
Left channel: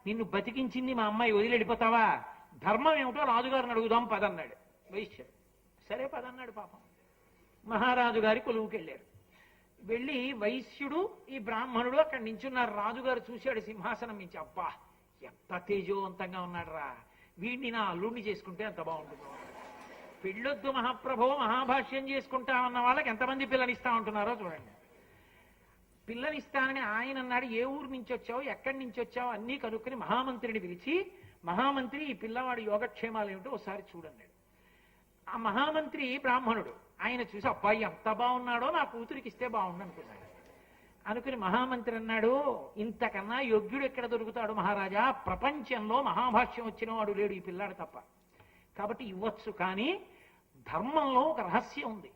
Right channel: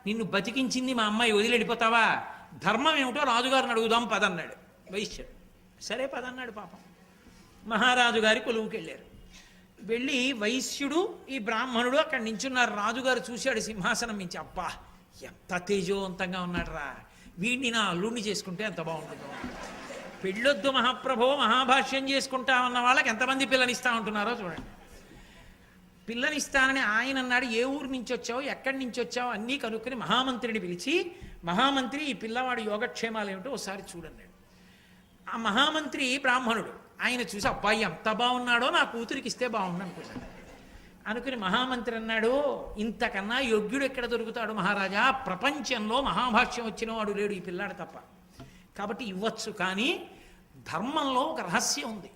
నిన్ను బతికించింది మా అమ్మాయి, వదిలి వెళ్ళిపోతావా, ధర్మం ఏమిటో రాజుగారిని అడుగుదాం పదన్నాడు వైశ్యుడు. సరే పదన్నాడు. పాపం మహారాజు గారి కొలువుకి వెళ్ళారు. వెళ్ళి వైశ్యుడు ఈ బ్రాహ్మణుడు అక్కడ నించున్నారు. రాజుగారు చూశాడు సింహాసనం మించి, అబ్బా ఎంత తేజోవంతంగా ఉన్నాడు రా, వీడిని నా అల్లుడిని చేసుకుంటే ఎంత బాగుంటుందో, పెళ్ళొద్దు మహాప్రభో మహాభాష్యం చేసుకుంటామన్న వాళ్ళకి ఎంతమంది పిల్లనిస్తా ఉంటున్నారో చూడండి. పిల్లనిస్తానని ఆయన అన్నాడు, ఏ ఊరు నుంచి వచ్చావు, ఎక్కడి నుంచి వచ్చావు అన్నీ కనుక్కుని మహామంత్రిని పిలిచి, మహామంత్రి ఈ పిల్లవాడి యోగక్షేమాలు ఏమిటో ఒకసారి చూడన్నాడు. ఆ మహామంత్రి బ్రాహ్మణుడు, ఆయన చూసి అబ్బాయి ఎంత బాగున్నాడో నా కూతురికి ఇస్తే బాగుండు అనుకున్నాడు. అనుకుని మహామంత్రి అన్నాడు, ఇంతకన్నా యోగ్యుడు ఎక్కడ దొరుకుతాడు మహారాజా, ప్రపంచంలో మహాభాష్యం వచ్చిన వాడు లేడు ఈ పిల్లాడు తప్ప, కాబట్టి ఇవ్వచ్చు. కానీ ధర్మంలో ఒక రహస్యం ఉంది,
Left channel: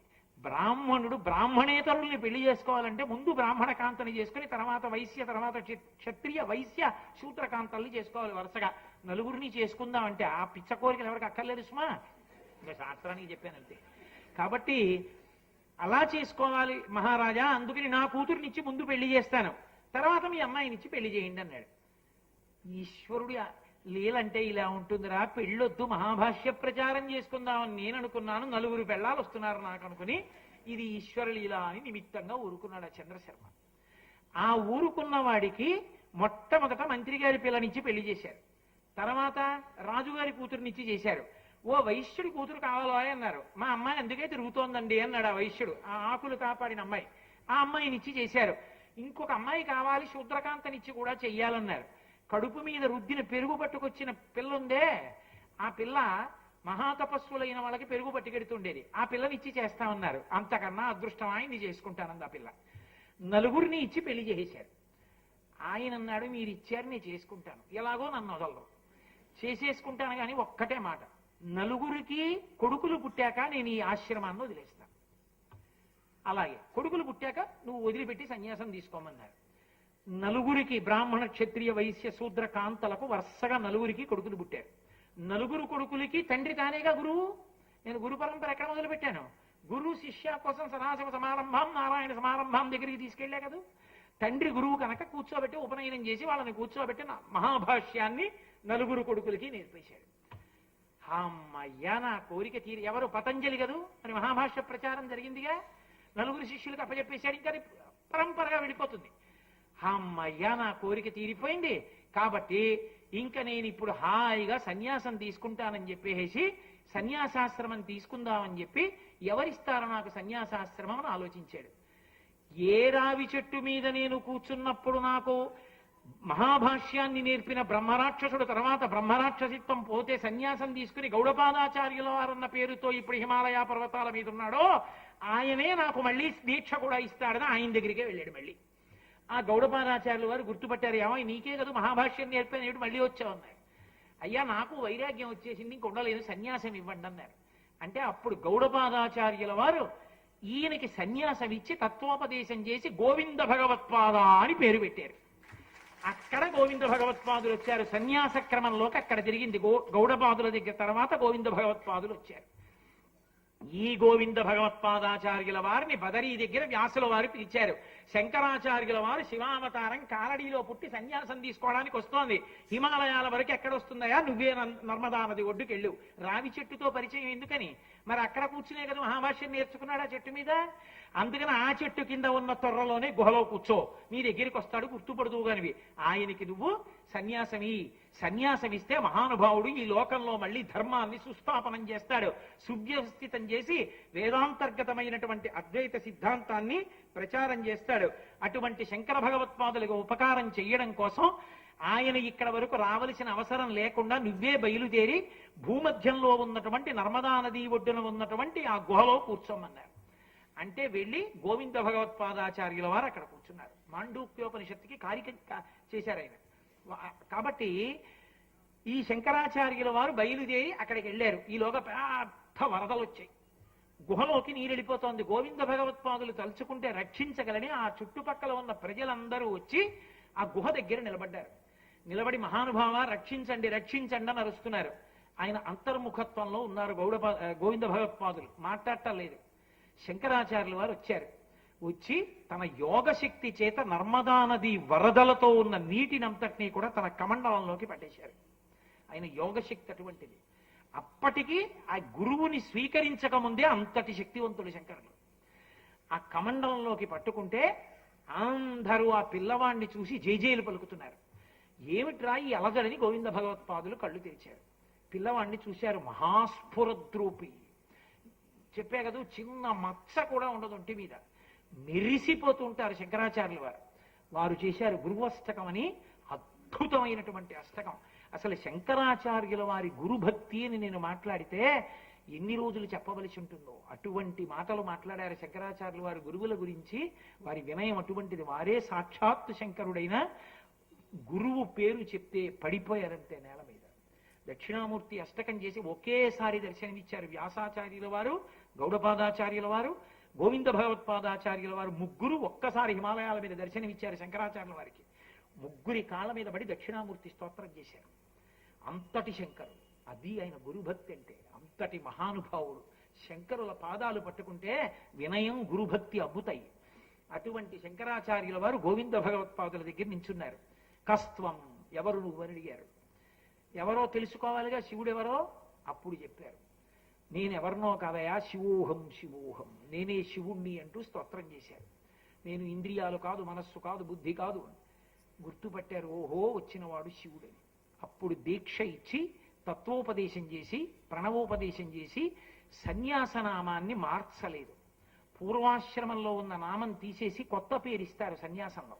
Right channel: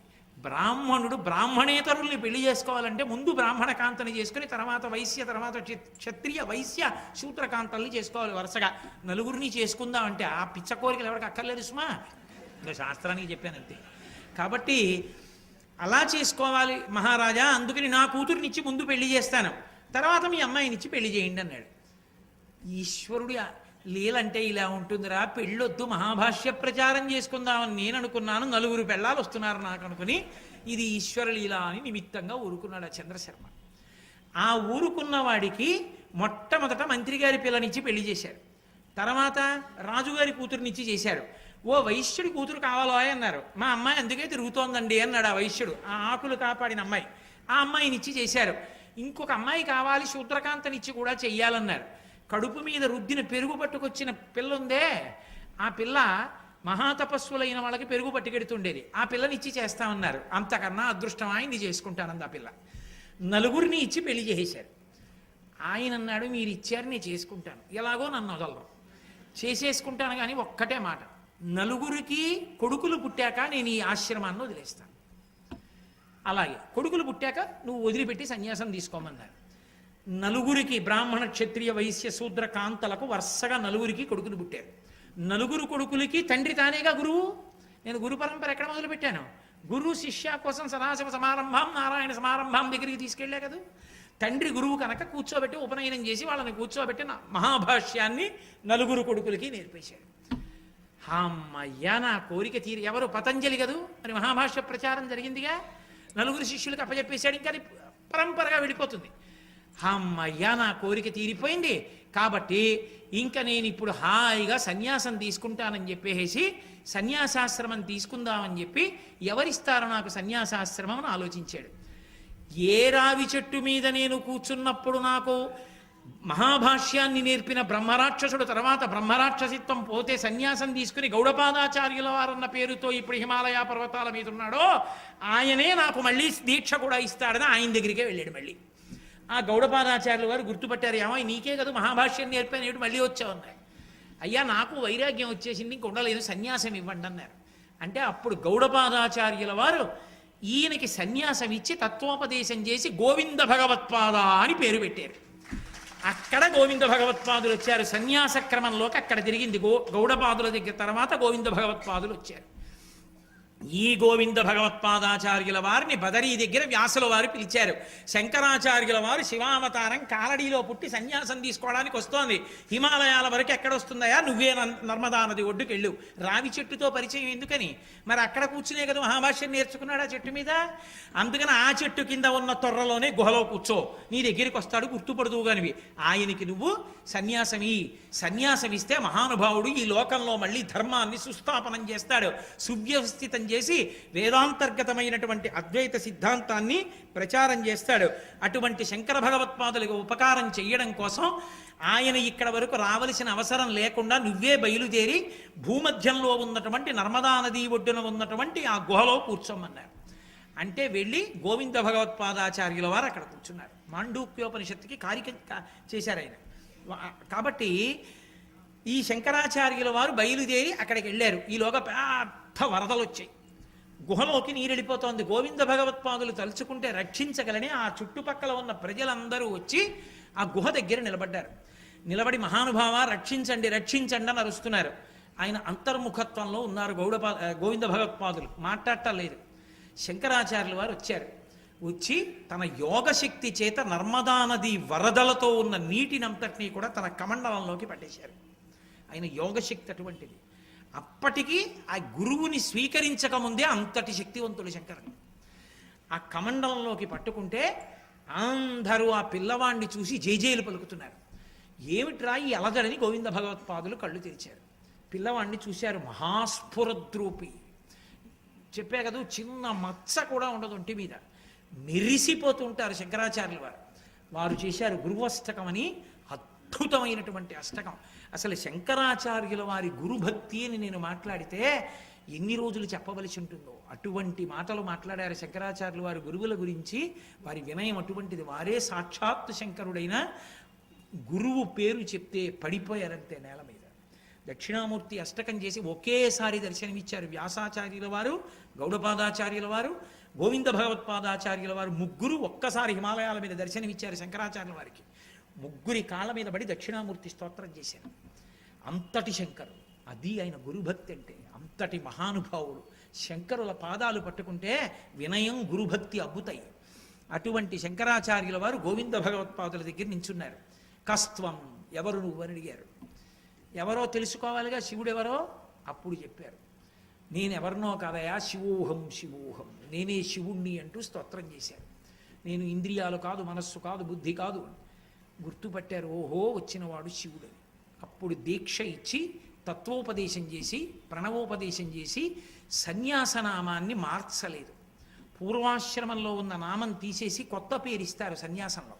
బ్రాహ్మణుడు బ్రాహ్మణేతరుల్ని పెళ్లి చేసుకోవాలంటే ముందు బ్రాహ్మణ కాంతని చేసుకుని తర్వాత వైశ్య, తర్వాత క్షత్రియ వైశ్య శూద్రకాంతల్ని చేసుకోవాలి వరుసగా. నలుగురిని చేసుకుందాం అంటే ఆ పిచ్చ కోరికలు ఎవరికి అక్కర్లేదు సుమా, ఇంకా శాస్త్రానికి చెప్పానంతే. కాబట్టి అలా చేసుకోవాలి మహారాజా, అందుకని నా కూతురినిచ్చి ముందు పెళ్లి చేస్తాను, తర్వాత మీ అమ్మాయినిచ్చి పెళ్లి చేయండి అన్నాడు. ఈశ్వరుడు లీలంటే ఇలా ఉంటుందిరా, పెళ్ళొద్దు మహాభాష్య ప్రచారం చేసుకుందామని నేను అనుకున్నాను, 9 పెళ్ళాలు వస్తున్నారు నాకు అనుకుని, ఇది ఈశ్వర లీల అని నిమిత్తంగా ఊరుకున్నాడు ఆ చంద్రశర్మ. ఆ ఊరుకున్న వాడికి మొట్టమొదట మంత్రి గారి పిల్లనిచ్చి పెళ్లి చేశారు, తర్వాత రాజుగారి కూతురునిచ్చి చేశారు. ఓ వైశ్యుడి కూతురు కావాలో అన్నారు, మా అమ్మాయి అందుకే తిరుగుతోందండి అన్నాడు ఆ వైశ్యుడు, ఆ ఆకులు కాపాడిన అమ్మాయి. ఆ అమ్మాయినిచ్చి చేశారు. ఇంకొక అమ్మాయి కావాలి, శూద్రకాంతనిచ్చి కూడా చెయ్యాలన్నారు. కడుపు మీద రుద్దిన పెరుగు పట్టుకొచ్చిన పిల్ల ఉందే, ఆ పిల్ల మహాతపస్సులైన వాళ్ళకి పెరుగు పట్టుకెడుతుండేది, ఆ పిల్లనిచ్చి చేస్తామన్నారు. అంతకన్నా అదృష్టం ఆయన్ని చేసుకుంటానంది ఆ పిల్ల. 9 ఇచ్చి పెళ్లి చేసేశారు. ఆయన అన్నాడు, మీరు ఇచ్చారు నేను చేసుకుంటాను, ఎలాగో నన్ను వదలరు, చేసేసుకుంటాను, కానీ ఒక్కటే మాట, 9 కొడుకులు పుట్టాక నేను ఈ ఆశ్రమాన్ని వదిలేస్తాను, అలాగే కొడుకులు పుట్టాక నువ్వు వదిలిపెట్టి సన్యాసం తీసుకోమన్నారు. 9 బ్రాహ్మణ క్షత్రియ వైశ్య శూద్ర కాంతలకు వరుసగా 9 కొడుకులు పుట్టారు. 9 కొడుకులకి తండ్రి తానేగా గురువు. నేను గురు పరంపర ఎక్కడ మొదలు పెట్టాను, గురు శిష్య కోసం సదాశివ సమారంభం నారాయణ సమారంభం దగ్గరికి తీసుకెళ్లే కదా. తండ్రి గురువు కనుక కూర్చోబెట్టి ఉపనయనం చేసి వాళ్ళని కూర్చోబెట్టి మహాభాష్యాన్ని 9 కొడుకులకి నేర్పేశాడు. అమ్మయ్యా నా కోరిక తీరి, ఎవరు పతంజలి కదూ, మరి మహాభాష్య ప్రచారం జరిగిందిగా, 9 శిష్యులకు అప్పచెప్పేశాడు, ఇంకా అది పరంపరగా వెళ్ళిపోతుంది. అమ్మయ్యా నా కోరిక తీరిపోయింది, కాబట్టి ఇంకా నేను ఇప్పుడు హాయిగా సన్యాసం తీసుకుంటానని చెప్పేసి సన్యాసాశ్రమం తీసుకుందామని చెప్పి, ఎవరిస్తారో నాకు సన్యాసాశ్రమం అని ఆలోచించాడు. ఏ రావి చెట్టు మీద నేను కూర్చున్నప్పుడు నాకు మహాభాష్యాన్ని నేర్పిన బ్రహ్మరాక్షసుడు తర్వాత బ్రహ్మరాక్షసిత్వం పోతే సన్యాసం తీసుకుని గౌడపాదాచార్యుల వారన్న పేరుతో ఇప్పుడు హిమాలయ పర్వతాల మీద ఉన్నాడో ఆయనే నాకు మళ్ళీ దీక్ష కూడా ఇస్తాడని ఆయన దగ్గరికే వెళ్ళాడు. మళ్ళీ ఆ గౌడపాదాచార్యుల వారు గుర్తుపట్టారు, ఏమో నీకే కదా మహాభాష్యం నేర్పాను, ఏమిటి మళ్ళీ వచ్చావు అన్నాడు. అయ్యా నాకు వైరాగ్యం వచ్చేసింది, ఇంక ఉండలేదు, సన్యాసం ఇవ్వండి అన్నారు. అంటే అప్పుడు గౌడపాదాచార్యుల వారు ఈయనకి సన్యాసం ఇచ్చి తత్వోపదేశం చేసి గోవింద భగవత్పాద అని పేరు పెట్టారు. అక్కడ గోవింద భగవత్పాదులు వచ్చారు. సన్యాస క్రమంలోకి అక్కడ తిరిగింది. గౌడపాదుల దగ్గర తర్వాత గోవింద భగవత్పాదులు వచ్చారు. ఈ గోవింద భగవత్పాదాచార్యుల వారిని బదరీ దగ్గర వ్యాసుల వారు పిలిచారు. శంకరాచార్యుల వారు శివావతారం కాలడీలో పుట్టి సన్యాసం తీసుకోవడానికి వస్తోంది. హిమాలయాల వరకు ఎక్కడొస్తుందయా, నువ్వే నర్మదా నది ఒడ్డుకు వెళ్ళు. రావి చెట్టుతో పరిచయం ఎందుకని? మరి అక్కడ కూర్చునే కదా మహాభాష్యం నేర్చుకున్నాడు ఆ చెట్టు మీద. అందుకని ఆ చెట్టు కింద ఉన్న తొర్రలోనే గుహలో కూర్చో, నీ దగ్గరికి వస్తాడు, గుర్తుపడుదువుగానివి. ఆయనకి నువ్వు సన్యాసమిస్తే మహానుభావుడు ఈ లోకంలో మళ్ళీ ధర్మాన్ని సుస్థాపనం చేస్తాడు, సువ్యవస్థితం చేసి వేదాంతర్గతమైనటువంటి అద్వైత సిద్ధాంతాన్ని ప్రచారం చేస్తాడు. అటువంటి శంకర భగవత్పాదులకు ఉపకారం చెయ్యడం కోసం ఆయన ఇక్కడ వరకు రావలసిన అవసరం లేకుండా నువ్వే బయలుదేరి భూమధ్యంలో ఉన్నటువంటి నర్మదా నదీ ఒడ్డున ఉన్నటువంటి ఆ గుహలో కూర్చోమన్నారు. అంటే వెళ్ళి గోవింద భగవత్పాదాచార్యుల వారు అక్కడ కూర్చున్నారు. మాండూక్యోపనిషత్తుకి కారిక చేశారు ఆయన. కాబట్టి ఈ శంకరాచార్యుల వారు బయలుదేరి అక్కడికి వెళ్ళారు. ఈలోగా పెద్ద వరదలు వచ్చాయి, గుహలోకి నీరు వెళ్ళిపోతోంది. గోవింద భగవత్పాదులు తలుచుకుంటే రక్షించగలని ఆ చుట్టుపక్కల ఉన్న ప్రజలందరూ వచ్చి ఆ గుహ దగ్గర నిలబడ్డారు. నిలబడి మహానుభావ రక్షించండి రక్షించండి అని అరుస్తున్నారు. ఆయన అంతర్ముఖత్వంలో ఉన్నారు. గోవింద భగవత్పాదులు మాట్లాడటం లేదు. శంకరాచార్యుల వారు వచ్చారు. వచ్చి తన యోగశక్తి చేత నర్మదా నది వరదలతో ఉన్న నీటినంతటినీ కూడా తన కమండలంలోకి పట్టేశారు. ఆయన యోగశక్తి అటువంటిది. అప్పటికి ఆ గురువుని స్వీకరించకముందే అంతటి శక్తివంతుడు శంకరుడు. ఆ కమండలంలోకి పట్టుకుంటే అందరూ ఆ పిల్లవాడిని చూసి జైజేలు పలుకుతున్నారు. ఏమిట్రా ఈ అలజడని గోవింద భగవత్పాదులు కళ్ళు తెరిచారు. పిల్లవాడిని చూశారు. మహాస్ఫురద్రూపి, చెప్పే కదా, చిన్న మచ్చ కూడా ఉండదు ఒంటి మీద, మెరిసిపోతూ ఉంటారు శంకరాచార్యుల వారు. వారు చేశారు గురువష్టకం అని అద్భుతమైనటువంటి అష్టకం. అసలు శంకరాచార్యుల వారి గురుభక్తి అని నేను మాట్లాడితే ఎన్ని రోజులు చెప్పవలసి ఉంటుందో అటువంటి మాటలు మాట్లాడారు శంకరాచార్యుల వారి గురువుల గురించి. వారి వినయం అటువంటిది. వారే సాక్షాత్తు శంకరుడైన గురువు పేరు చెప్తే పడిపోయారంతే నేల మీద. దక్షిణామూర్తి అష్టకం చేసి ఒకేసారి దర్శనమిచ్చారు వ్యాసాచార్యుల వారు, గౌడపాదాచార్యుల వారు, గోవింద భగవత్పాదాచార్యుల వారు. ముగ్గురు ఒక్కసారి హిమాలయాల మీద దర్శనమిచ్చారు శంకరాచార్యుల వారికి. ముగ్గురి కాళ్ళ మీద పడి దక్షిణామూర్తి స్తోత్రం చేశారు. అంతటి శంకరు, అది ఆయన గురుభక్తి అంటే. అంతటి మహానుభావుడు. శంకరుల పాదాలు పట్టుకుంటే వినయం గురుభక్తి అబ్బుతాయి. అటువంటి శంకరాచార్యుల వారు గోవింద భగవత్పాదుల దగ్గర నించున్నారు. కస్త్వం, ఎవరు నువ్వు అని అడిగారు. ఎవరో తెలుసుకోవాలిగా, శివుడెవరో. అప్పుడు చెప్పారు, నేనెవరినో కాదయా, శివోహం శివోహం, నేనే శివుణ్ణి అంటూ స్తోత్రం చేశారు. నేను ఇంద్రియాలు కాదు, మనస్సు కాదు, బుద్ధి కాదు. గుర్తుపట్టారు, ఓహో వచ్చినవాడు శివుడు. అప్పుడు దీక్ష ఇచ్చి తత్వోపదేశం చేసి ప్రణవోపదేశం చేసి సన్యాసనామాన్ని మార్చలేదు. పూర్వాశ్రమంలో ఉన్న నామం తీసేసి కొత్త పేరు ఇస్తారు సన్యాసంలో.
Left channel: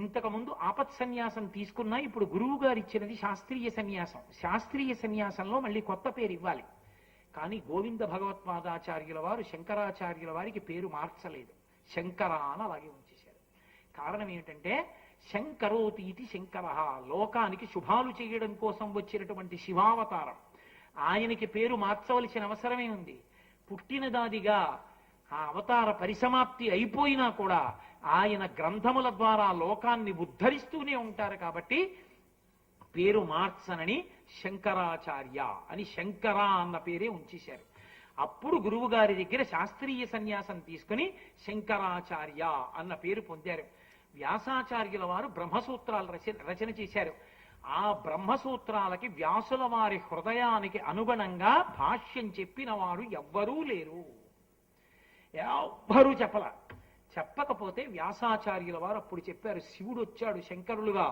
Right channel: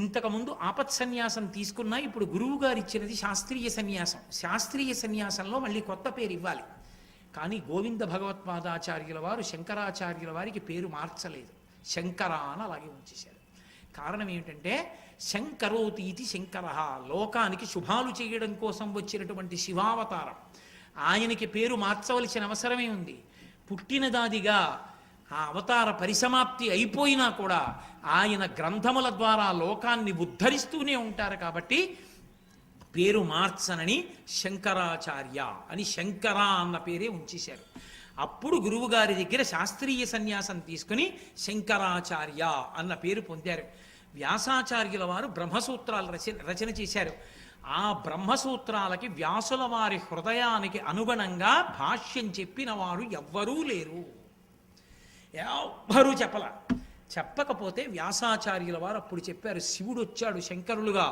ఇంతకుముందు ఆపత్ సన్యాసం తీసుకున్నా ఇప్పుడు గురువు గారు ఇచ్చినది శాస్త్రీయ సన్యాసం. శాస్త్రీయ సన్యాసంలో మళ్ళీ కొత్త పేరు ఇవ్వాలి. కానీ గోవింద భగవత్పాదాచార్యుల వారు శంకరాచార్యుల వారికి పేరు మార్చలేదు. శంకర అని అలాగే ఉంచేశారు. కారణం ఏమిటంటే శంకరోతీతి శంకర, లోకానికి శుభాలు చేయడం కోసం వచ్చినటువంటి శివావతారం. ఆయనకి పేరు మార్చవలసిన అవసరమే ఉంది. పుట్టినదాదిగా ఆ అవతార పరిసమాప్తి అయిపోయినా కూడా ఆయన గ్రంథముల ద్వారా లోకాన్ని ఉద్ధరిస్తూనే ఉంటారు. కాబట్టి పేరు మార్చనని శంకరాచార్య అని శంకర అన్న పేరే ఉంచేశారు. అప్పుడు గురువుగారి దగ్గర శాస్త్రీయ సన్యాసం తీసుకుని శంకరాచార్య అన్న పేరు పొందారు. వ్యాసాచార్యుల వారు బ్రహ్మసూత్రాలు రచన చేశారు. ఆ బ్రహ్మసూత్రాలకి వ్యాసుల వారి హృదయానికి అనుగుణంగా భాష్యం చెప్పిన వారు ఎవ్వరూ లేరు. ఎవ్వరూ చెప్పకపోతే వ్యాసాచార్యుల వారు అప్పుడు చెప్పారు, శివుడు వచ్చాడు శంకరులుగా,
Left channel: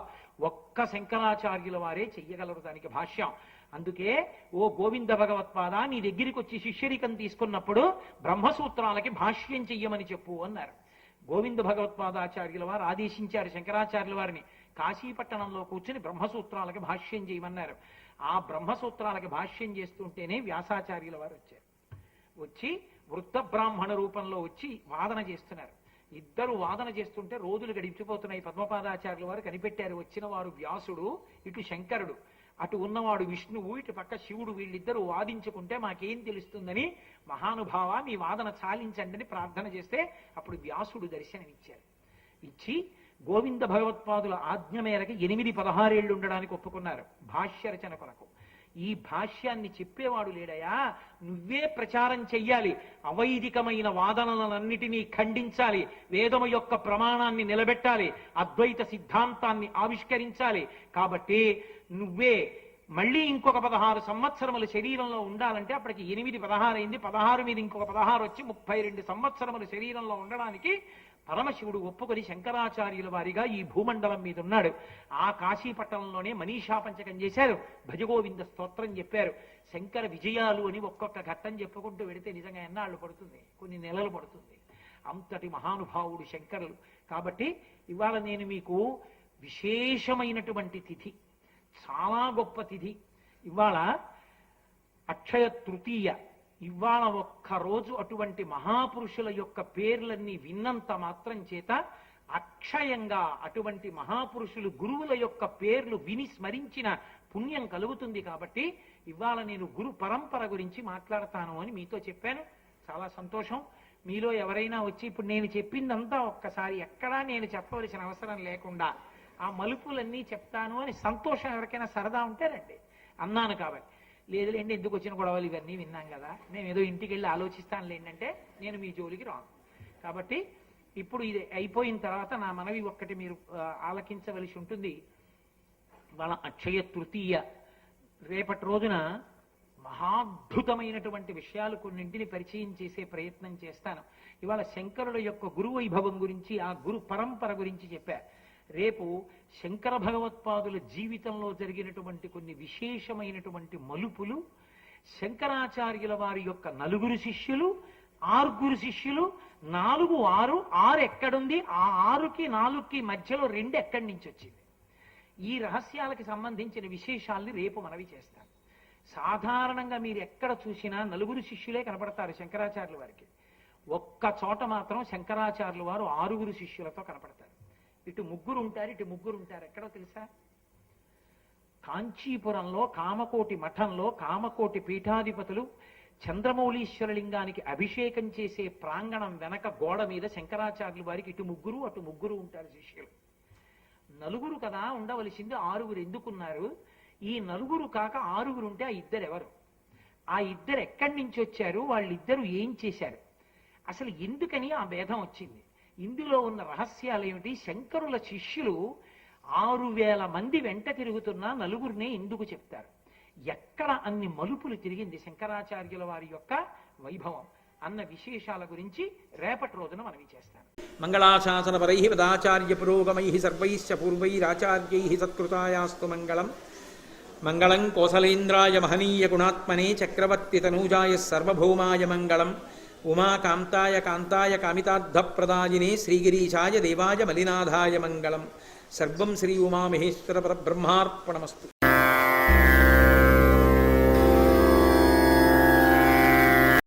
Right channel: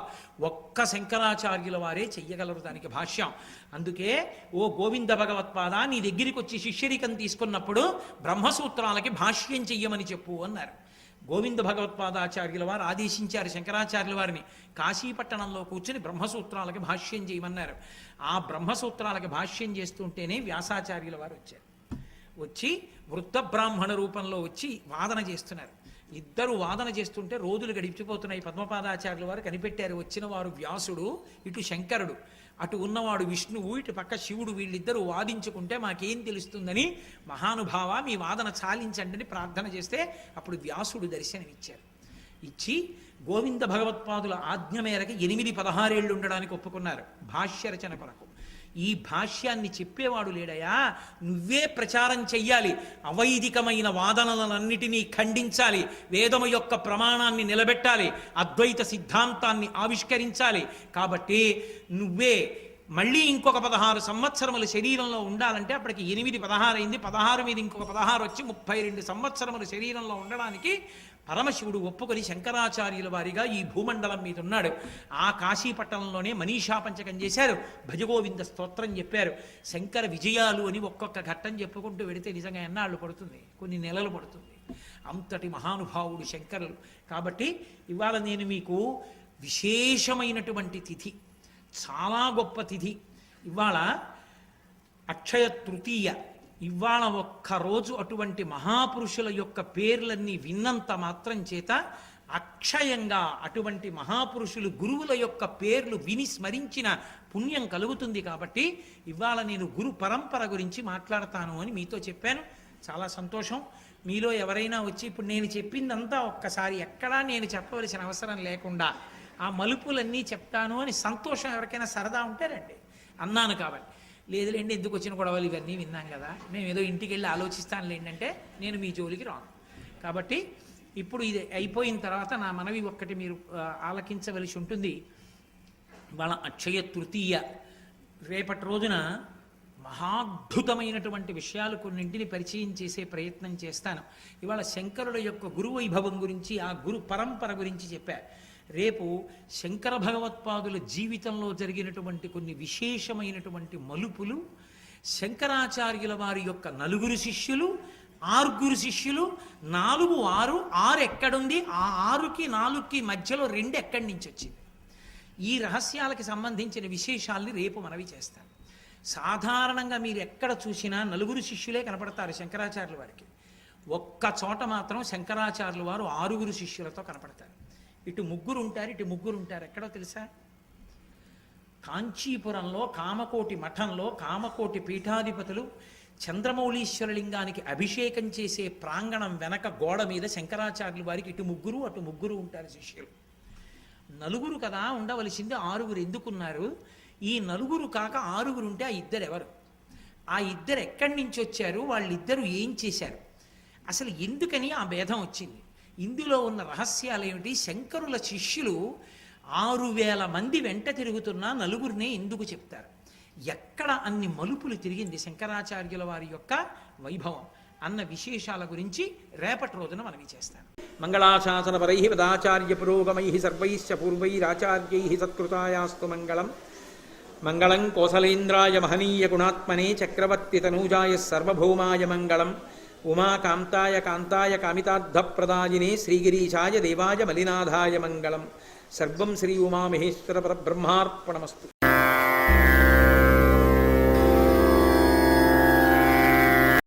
ఒక్క శంకరాచార్యుల వారే చెయ్యగలరు దానికి భాష్యం. అందుకే ఓ గోవింద భగవత్పాద, నీ దగ్గరికి వచ్చి శిష్యరికం తీసుకున్నప్పుడు బ్రహ్మసూత్రాలకి భాష్యం చెయ్యమని చెప్పు అన్నారు. గోవింద భగవత్పాదాచార్యుల వారు ఆదేశించారు శంకరాచార్యుల వారిని. కాశీపట్టణంలో కూర్చుని బ్రహ్మసూత్రాలకి భాష్యం చేయమన్నారు. ఆ బ్రహ్మసూత్రాలకి భాష్యం చేస్తుంటేనే వ్యాసాచార్యుల వారు వచ్చారు. వచ్చి వృద్ధ బ్రాహ్మణ రూపంలో వచ్చి వాదన చేస్తున్నారు. ఇద్దరు వాదన చేస్తుంటే రోజులు గడిచిపోతున్నాయి. పద్మపాదాచార్యుల వారు కనిపెట్టారు, వచ్చిన వారు వ్యాసుడు, ఇటు శంకరుడు, అటు ఉన్నవాడు విష్ణువు, ఇటు పక్క శివుడు, వీళ్ళిద్దరూ వాదించుకుంటే మాకేం తెలుస్తుందని, మహానుభావ మీ వాదన చాలించండి అని ప్రార్థన చేస్తే అప్పుడు వ్యాసుడు దర్శనమిచ్చారు. ఇచ్చి గోవింద భగవత్పాదుల ఆజ్ఞ మేరకు 8-16 ఏళ్ళు ఉండడానికి ఒప్పుకున్నారు భాష్య రచన కొరకు. ఈ భాష్యాన్ని చెప్పేవాడు లేడయా, నువ్వే ప్రచారం చెయ్యాలి, అవైదికమైన వాదనలన్నిటినీ ఖండించాలి, వేదము యొక్క ప్రమాణాన్ని నిలబెట్టాలి, అద్వైత సిద్ధాంతాన్ని ఆవిష్కరించాలి. కాబట్టి నువ్వే మళ్ళీ ఇంకొక 16 సంవత్సరములు శరీరంలో ఉండాలంటే అప్పటికి 8 16 అయింది, 16 మీద ఇంకొక 16 వచ్చి 32 సంవత్సరములు శరీరంలో ఉండడానికి పరమశివుడు ఒప్పుకొని శంకరాచార్యుల వారిగా ఈ భూమండలం మీద ఉన్నాడు. ఆ కాశీపట్టణంలోనే మనీషా పంచకం చేశారు, భజగోవింద స్తోత్రం చెప్పారు, శంకర విజయాలు అని ఒక్కొక్క ఘట్టం చెప్పుకుంటూ వెడితే నిజంగా ఎన్నాళ్ళు పడుతుంది, కొన్ని నెలలు పడుతుంది. అంతటి మహానుభావుడు శంకరులు. కాబట్టి ఇవాళ నేను మీకు విశేషమైనటువంటి తిథి, చాలా గొప్ప తిథి. ఇవాళ అక్షయ తృతీయ. ఇవాళ ఒక్కరోజు అటువంటి మహాపురుషుల యొక్క పేర్లన్నీ విన్నంత మాత్రం చేత అక్షయంగా అటువంటి మహాపురుషులు గురువుల యొక్క పేర్లు విని స్మరించిన పుణ్యం కలుగుతుంది. కాబట్టి ఇవాళ నేను గురు పరంపర గురించి మాట్లాడతాను అని మీతో చెప్పాను. చాలా సంతోషం. మీలో ఎవరైనా వచ్చి ఇప్పుడు నేను చెప్పిందంతా ఒక్కసారి ఎక్కడా నేను చెప్పవలసిన అవసరం లేకుండా ఆ మలుపులన్నీ చెప్తాను అని సంతోషం ఎవరికైనా సరదా ఉంటే రండి అన్నాను. కాబట్టి లేదులేండి, ఎందుకు వచ్చిన గొడవలు ఇవన్నీ విన్నాం కదా, మేము ఏదో ఇంటికి వెళ్ళి ఆలోచిస్తాను ఏంటంటే నేను మీ జోలికి రాను. కాబట్టి ఇప్పుడు ఇది అయిపోయిన తర్వాత నా మనవి ఒక్కటి మీరు ఆలకించవలసి ఉంటుంది. వాళ్ళ అక్షయ తృతీయ రేపటి రోజున మహాద్భుతమైనటువంటి విషయాలు కొన్నింటిని పరిచయం చేసే ప్రయత్నం చేస్తాను. ఇవాళ శంకరుల యొక్క గురు వైభవం గురించి, ఆ గురు పరంపర గురించి చెప్పా. రేపు శంకర భగవత్పాదుల జీవితంలో జరిగినటువంటి కొన్ని విశేషమైనటువంటి మలుపులు, శంకరాచార్యుల వారి యొక్క 4 శిష్యులు, 6 శిష్యులు, 4 6 6 ఎక్కడుంది, ఆ 6కి 4కి మధ్యలో 2 ఎక్కడి నుంచి వచ్చింది, ఈ రహస్యాలకి సంబంధించిన విశేషాల్ని రేపు మనవి చేస్తాను. సాధారణంగా మీరు ఎక్కడ చూసినా 4 శిష్యులే కనపడతారు శంకరాచార్యుల వారికి. ఒక్క చోట మాత్రం శంకరాచార్యుల వారు 6 శిష్యులతో కనపడతారు. ఇటు 3 ఉంటారు, ఇటు 3 ఉంటారు. ఎక్కడో తెలుసా? కాంచీపురంలో కామకోటి మఠంలో కామకోటి పీఠాధిపతులు చంద్రమౌళీశ్వరలింగానికి అభిషేకం చేసే ప్రాంగణం వెనక గోడ మీద శంకరాచార్యుల వారికి ఇటు 3 అటు 3 ఉంటారు శిష్యులు. 4 కదా ఉండవలసింది, 6 ఎందుకున్నారు? ఈ 4 కాక 6 ఉంటే ఆ 2 ఎవరు? ఆ 2 ఎక్కడి నుంచి వచ్చారు? వాళ్ళిద్దరూ ఏం చేశారు? అసలు ఎందుకని ఆ భేదం వచ్చింది? ఇందులో ఉన్న రహస్యాలు ఏమిటి? శంకరుల శిష్యులు 6000 మంది వెంట తిరుగుతున్నా 4 ఎందుకు చెప్తారు? ఎక్కడ అన్ని మలుపులు తిరిగింది శంకరాచార్యుల వారి యొక్క వైభవం అన్న విశేషాల గురించి రేపటి రోజున మనవి చేస్తాను. మంగళాశాసనపరై పదాచార్య పురోగమై సర్వైశ్చ పూర్వైరాచార్యై సత్కృతాయాస్తు మంగళం. మంగళం కోసలేంద్రాయ మహనీయ గుణాత్మనే చక్రవర్తి తనూజాయ సర్వభౌమాయ మంగళం. ఉమాకాంతాయ కాంతాయ కామితార్థప్రదాయినే శ్రీగిరీశాయ దేవాయ మలినాథాయ మంగళం. సర్వం శ్రీ ఉమామహేశ్వర పరబ్రహ్మార్పణమస్తు.